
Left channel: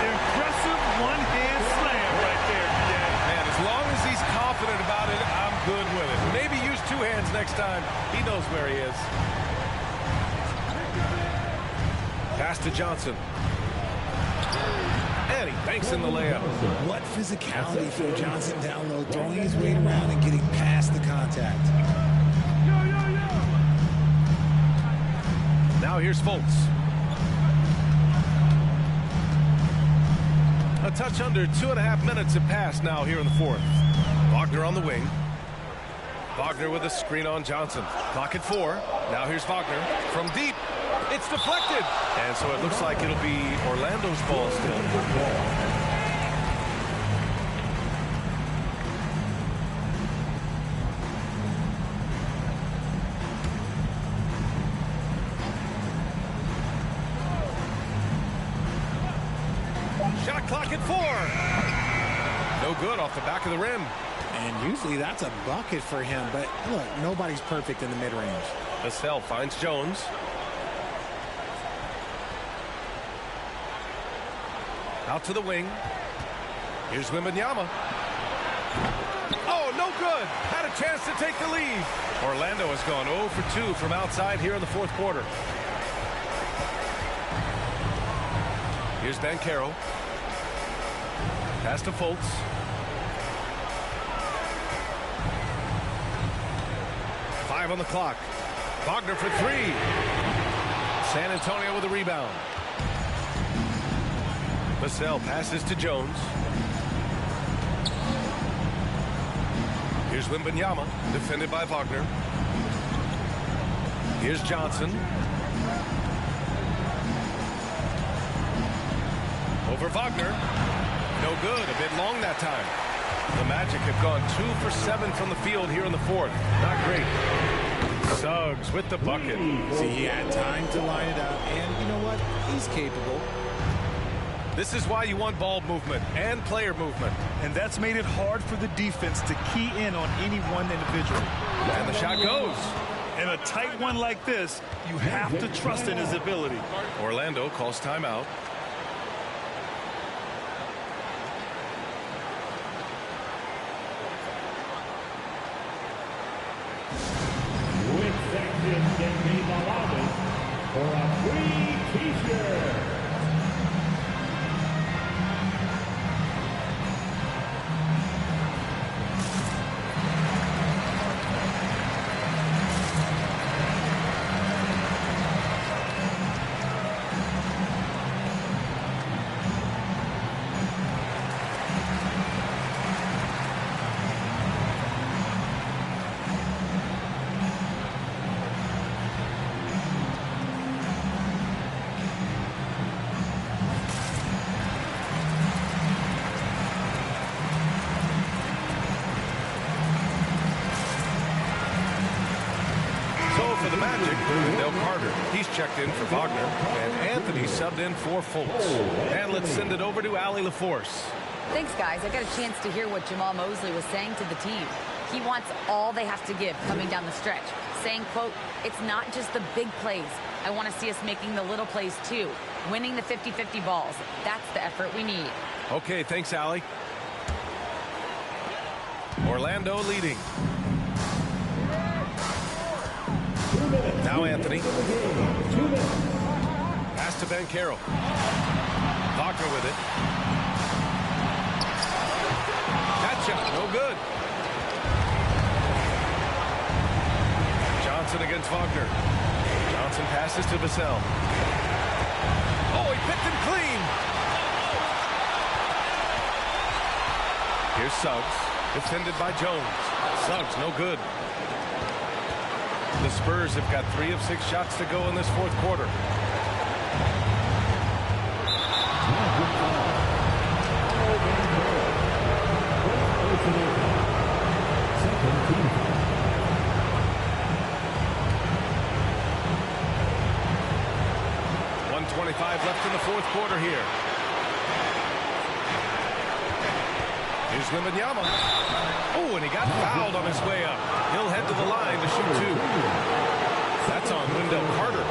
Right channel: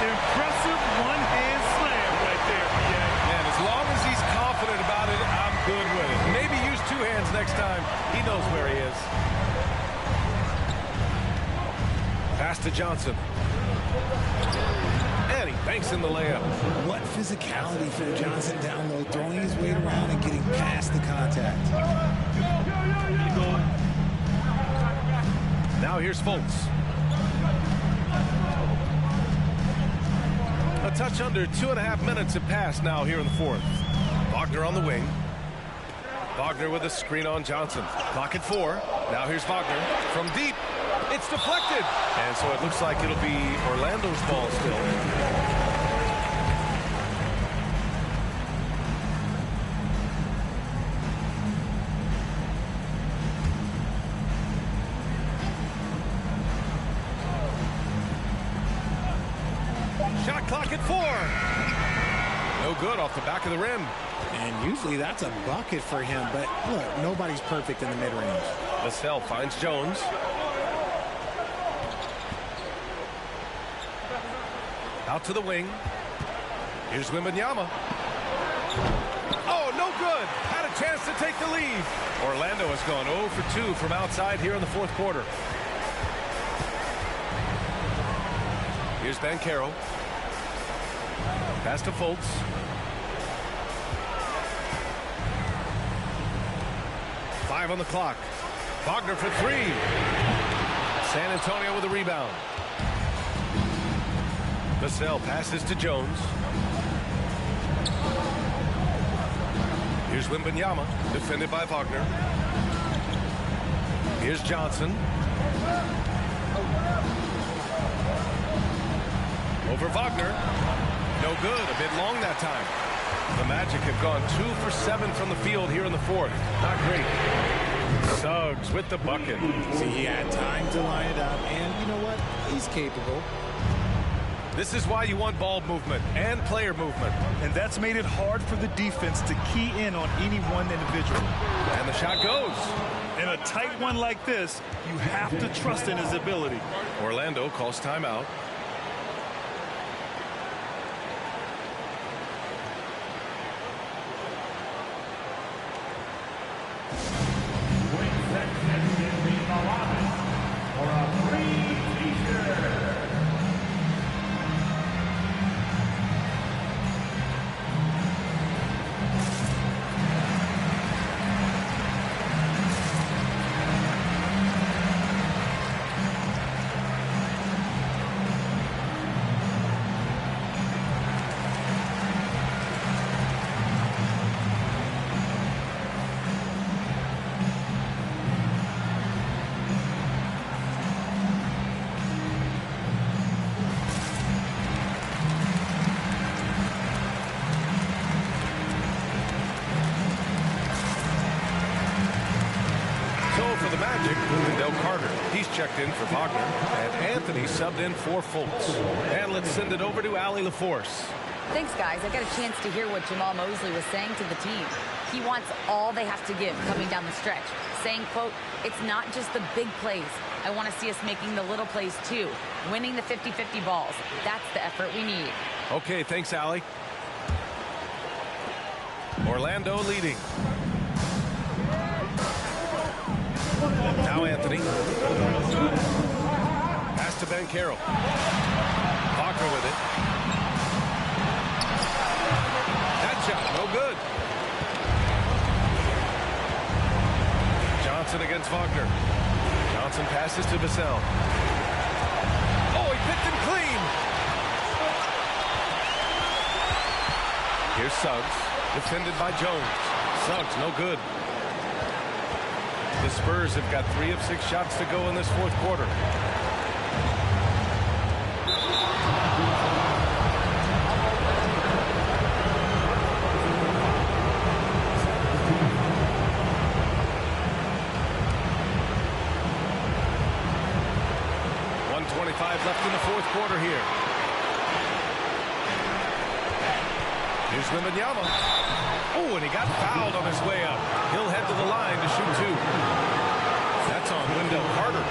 Impressive one-hand slam right there, B.A. Man, as long as he's confident about it, I'm good with it. Maybe use 2 hands next time. He knows where he is. Pass to Johnson. And he banks in the layup. What physicality from Johnson down low, throwing his weight around and getting past the contact. Now here's Fultz. A touch under 2.5 minutes have passed now here in the fourth. Wagner on the wing. Wagner with a screen on Johnson. Clock at 4. Now here's Wagner from deep. It's deflected. And so it looks like it'll be Orlando's ball still. Shot clock at 4. No good off the back of the rim. And usually that's a bucket for him. But look, nobody's perfect in the mid-range. Vassell finds Jones. Out to the wing. Here's Wembanyama. Oh, no good. Had a chance to take the lead. Orlando has gone 0 for 2 from outside here in the fourth quarter. Here's Banchero. Pass to Fultz. Five on the clock. Wagner for 3. San Antonio with a rebound. Vassell passes to Jones. Here's Wembanyama, defended by Wagner. Here's Johnson. Over Wagner. No good, a bit long that time. The Magic have gone 2 for 7 from the field here in the fourth. Not great. Suggs with the bucket. See, he had time to line it up, and you know what? He's capable. This is why you want ball movement and player movement. And that's made it hard for the defense to key in on any one individual. And the shot goes. In a tight one like this, you have to trust in his ability. Orlando calls timeout. Which section can be the lobby for a free t-shirt? So for the Magic, Wendell Carter. He's checked in for Wagner. And Anthony subbed in for Fultz. And let's send it over to Allie LaForce. Thanks, guys. I got a chance to hear what Jamal Mosley was saying to the team. He wants all they have to give coming down the stretch, saying, quote, it's not just the big plays. I want to see us making the little plays, too, winning the 50-50 balls. That's the effort we need. Okay, thanks, Allie. Orlando leading. Now Anthony. Pass to Banchero. Wagner with it. That shot, no good. Johnson against Wagner. Johnson passes to Vassell. Oh, he picked him clean. Here's Suggs, defended by Jones. Suggs, no good. The Spurs have got 3 of 6 shots to go in this fourth quarter. .125 left in the fourth quarter here. Here's Wembanyama. Oh, and he got fouled on his way up. He'll head to the line to shoot 2. That's on Wendell Carter.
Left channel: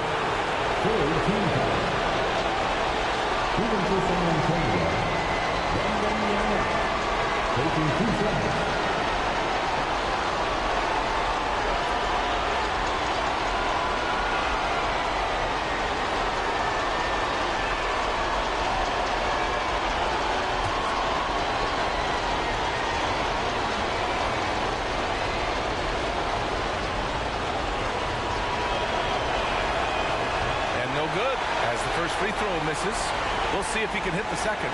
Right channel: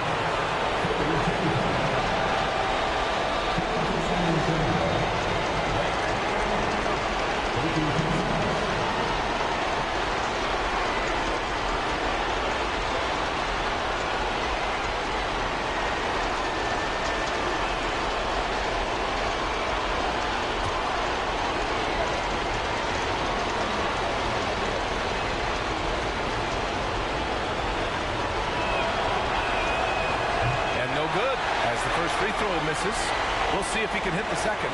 No good as the first free throw misses. We'll see if he can hit the second.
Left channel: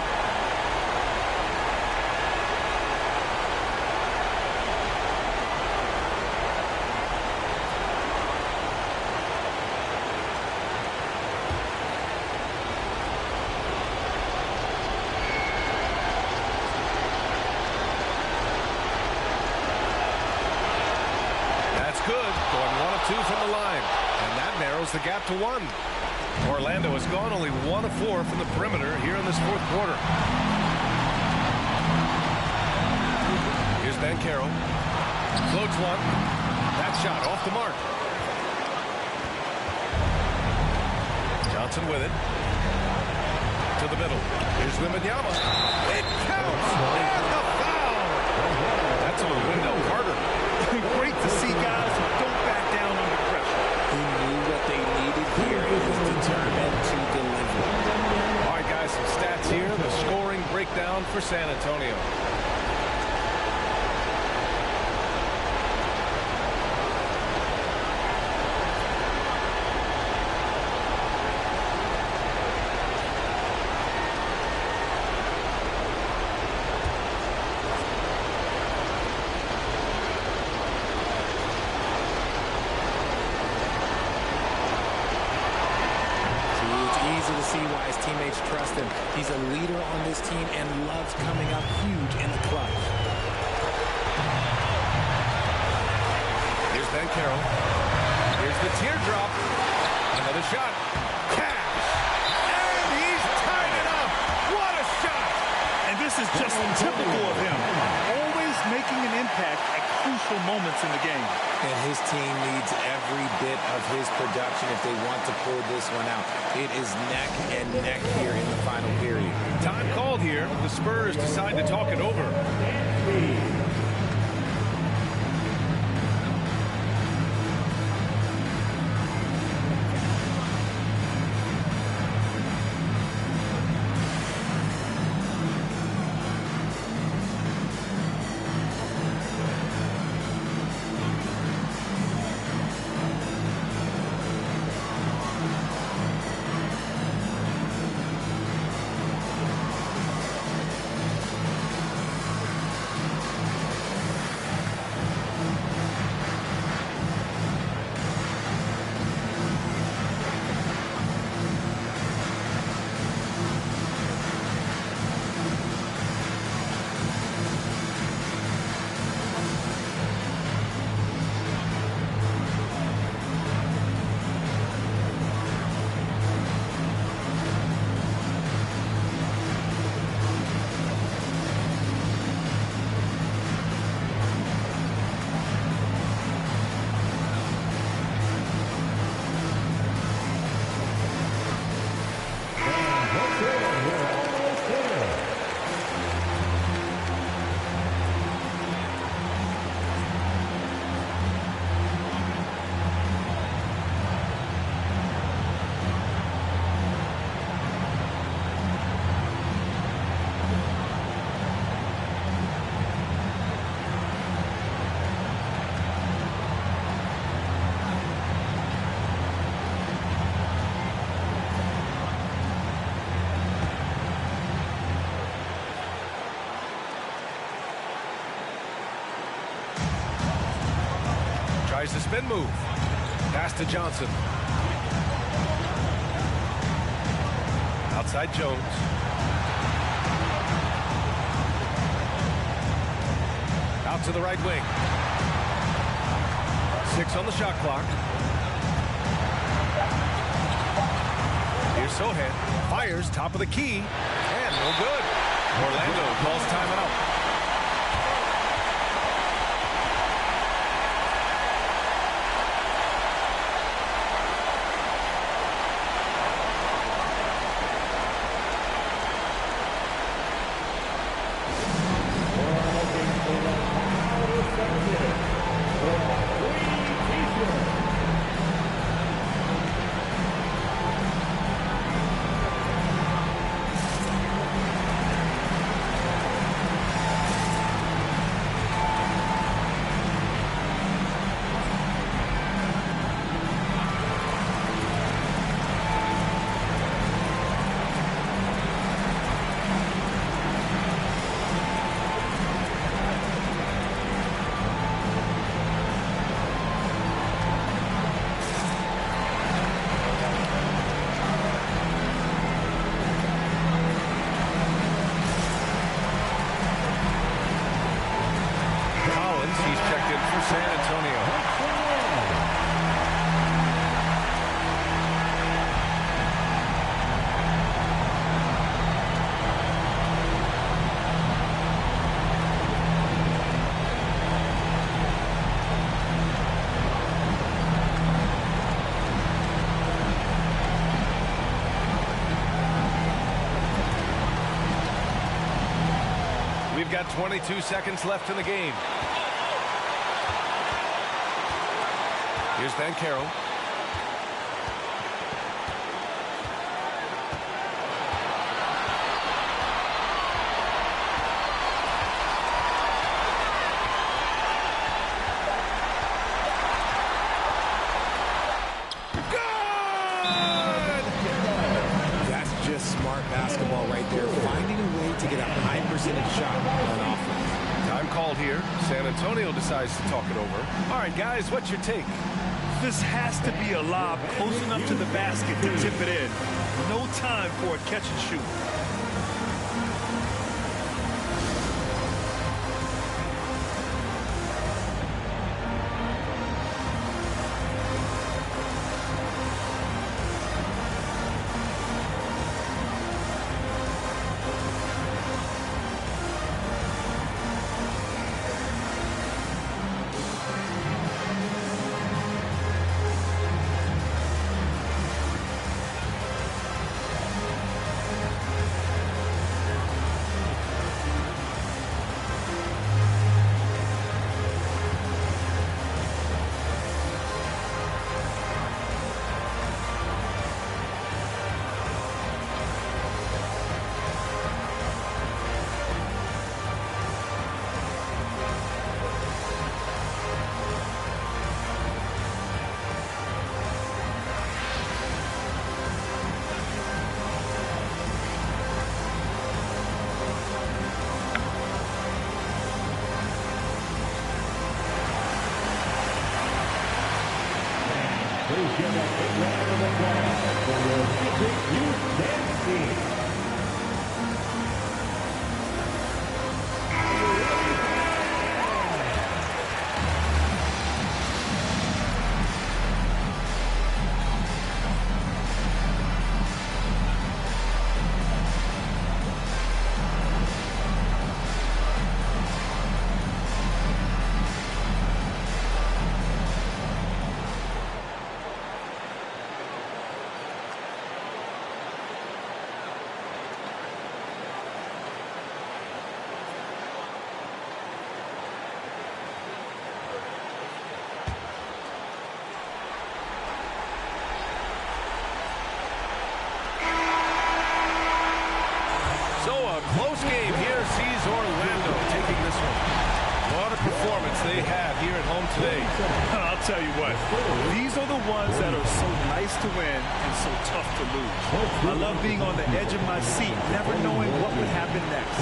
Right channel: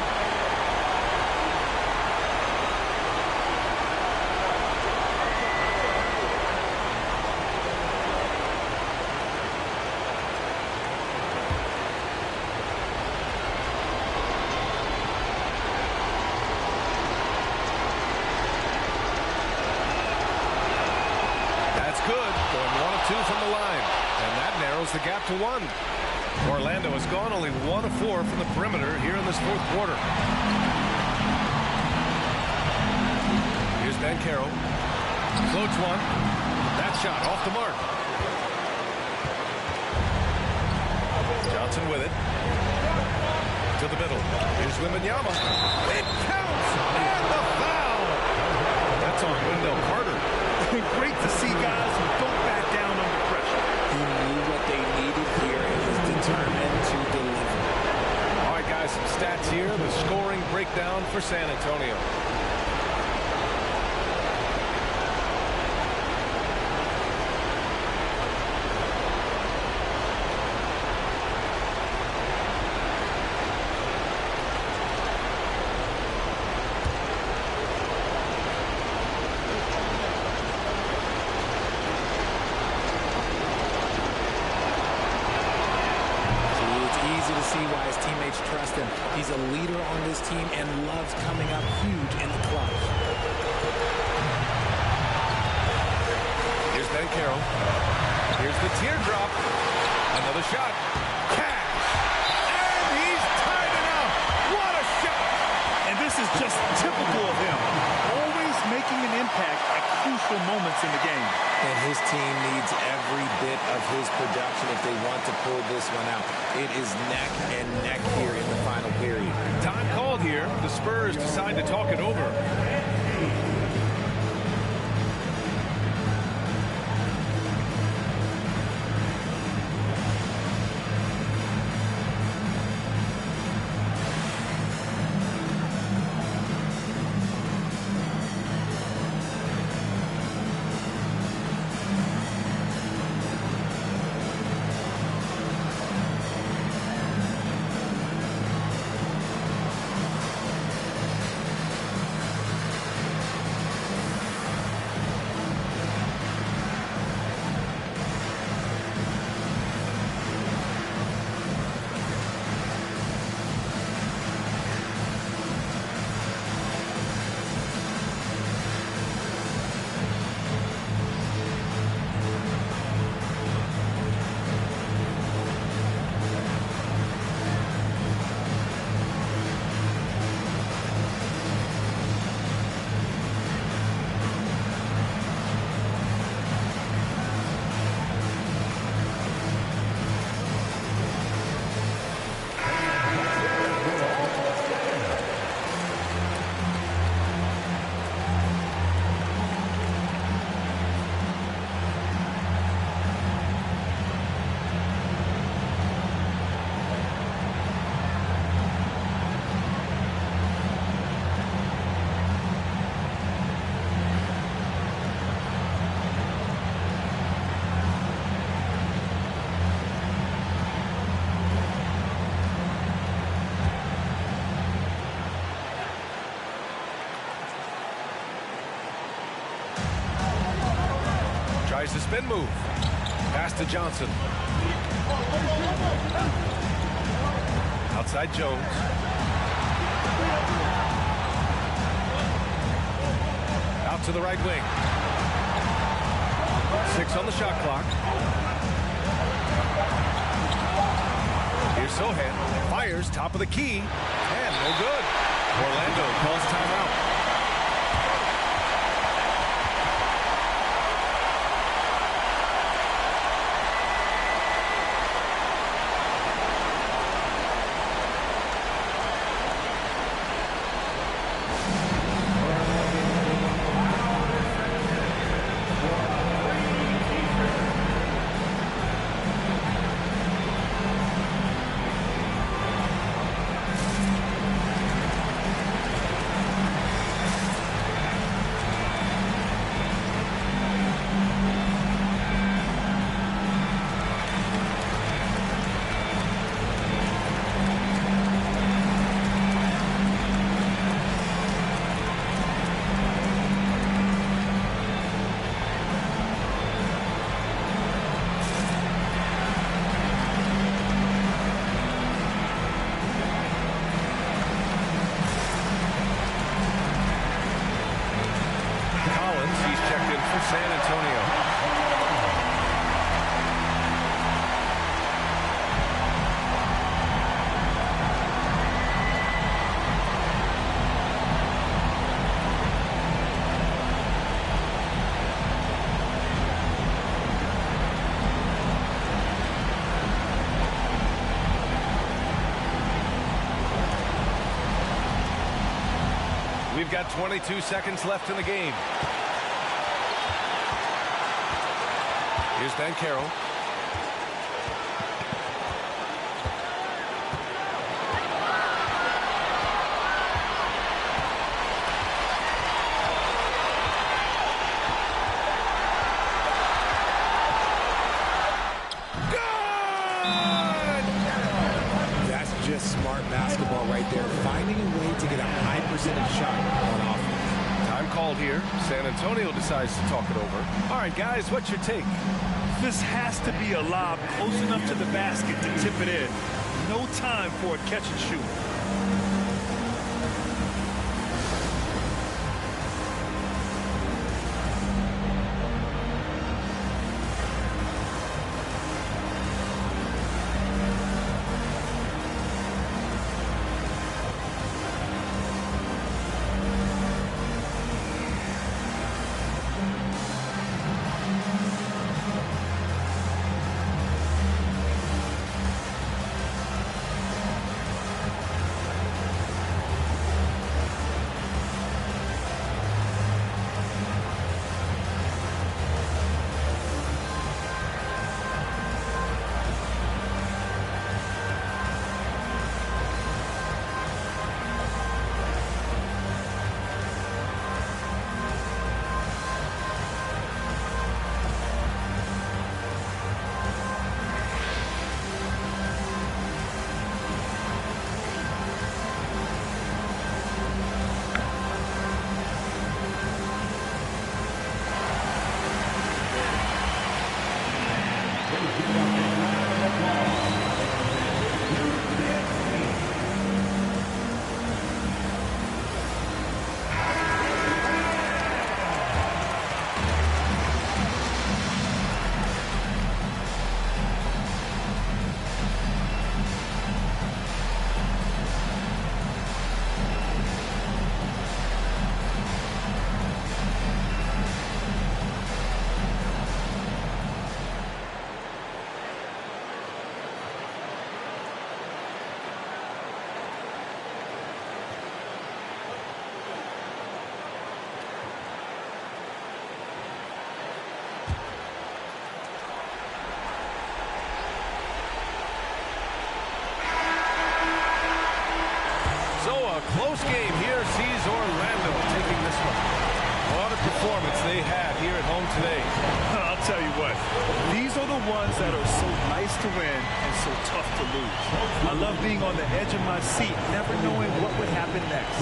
That's good. Going 1 of 2 from the line. And that narrows the gap to 1. Orlando has gone only 1 of 4 from the perimeter here in this fourth quarter. Here's Banchero. Floats one. That shot off the mark. Johnson with it. To the middle. Here's Wembanyama. It counts! And the foul! That's on Wendell Carter. Great to see guys who don't back down under pressure. He knew what they needed here and was determined to deliver. All right, guys, some stats here. The scoring breakdown for San Antonio. Easy to see why his teammates trust him. He's a leader on this team and loves coming up huge in the clutch. Here's Banchero. Here's the teardrop. Another shot. Cash. And he's tied it up. What a shot. And this is just typical of him. Always making an impact at crucial moments in the game. And his team needs every bit of his production if they want to pull this one out. It is neck and neck here in the final period. Time called here. The Spurs decide to talk it over. Tries the spin move. Pass to Johnson. Outside Jones. Out to the right wing. 6 on the shot clock. Here's Sohan. Fires top of the key. And no good. Orlando calls timeout. He's checked in for San Antonio. We've got 22 seconds left in the game. Here's Banchero. That's just smart basketball right there, finding a way to get a high percentage shot on offense. Time called here. San Antonio decides to talk it over. All right, guys, what's your take? This has to be a lob close enough to the basket to tip it in. No time for a catch and shoot. So a close game here sees Orlando taking this one. What a performance they had here at home today. I'll tell you what, these are the ones that are so nice to win and so tough to lose. I love being on the edge of my seat, never knowing what would happen next.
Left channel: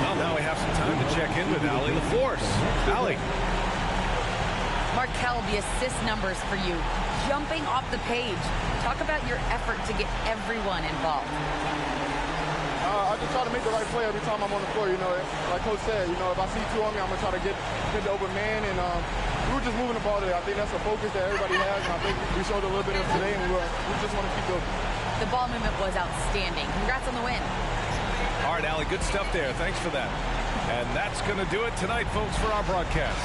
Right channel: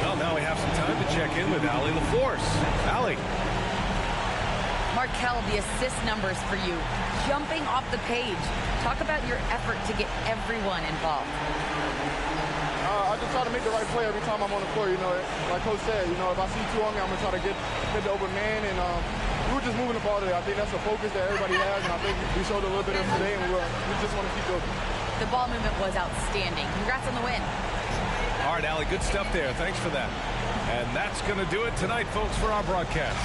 Well, now we have some time to check in with Allie LaForce. Allie. Markel, the assist numbers for you, jumping off the page. Talk about your effort to get everyone involved. I just try to make the right play every time I'm on the floor. Like Coach said, if I see two on me, I'm going to try to get the open man. And we were just moving the ball today. I think that's the focus that everybody has, and I think we showed a little bit of it today, and we just want to keep building. The ball movement was outstanding. Congrats on the win. All right, Allie, good stuff there. Thanks for that. And that's going to do it tonight, folks, for our broadcast.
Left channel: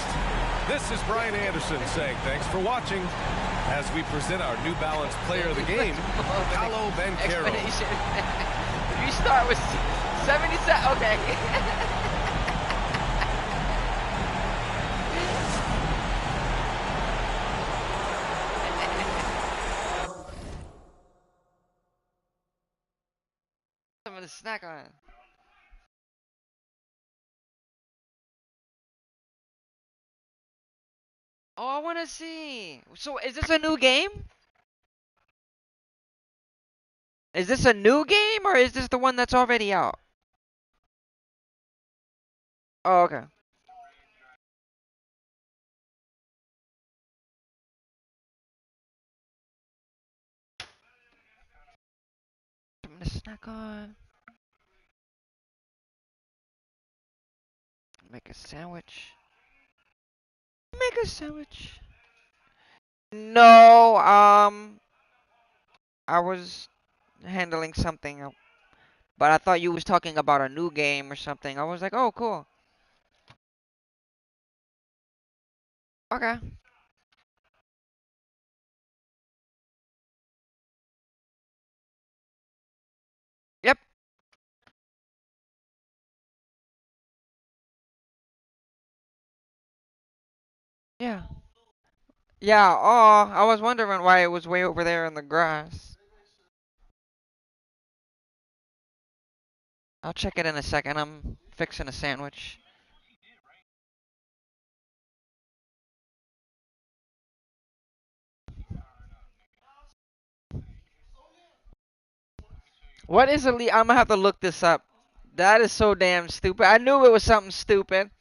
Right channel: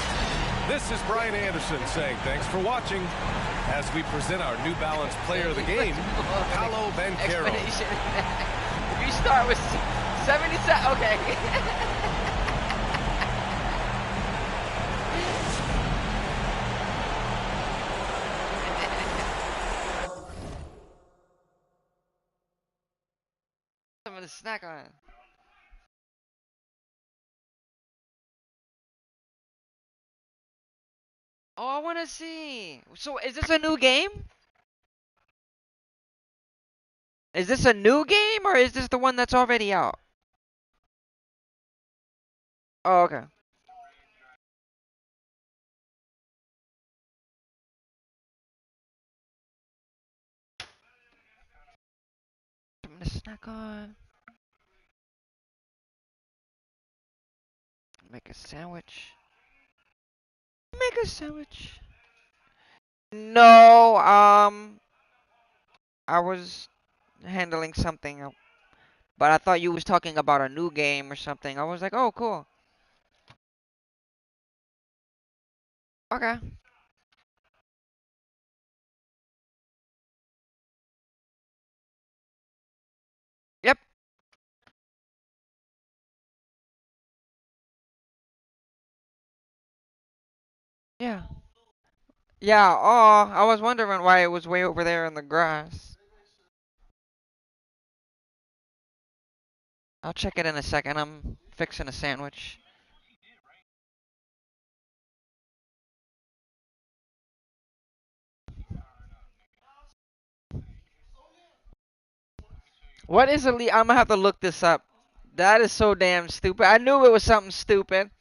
This is Brian Anderson saying thanks for watching as we present our New Balance Player of the Game, Paolo Banchero. If you start with 77, okay. I'm gonna snack on it. Oh, I want to see. So, is this a new game? Is this a new game, or is this the one that's already out? Oh, okay. I'm gonna snack on. Make a sandwich. Make a sandwich. No, I was handling something, but I thought you was talking about a new game or something. I was like, oh, cool. Okay. Yep. Yeah. Yeah, oh, I was wondering why it was way over there in the grass. I'll check it in a second. I'm fixing a sandwich. What is elite? I'm gonna have to look this up. That is so damn stupid. I knew it was something stupid.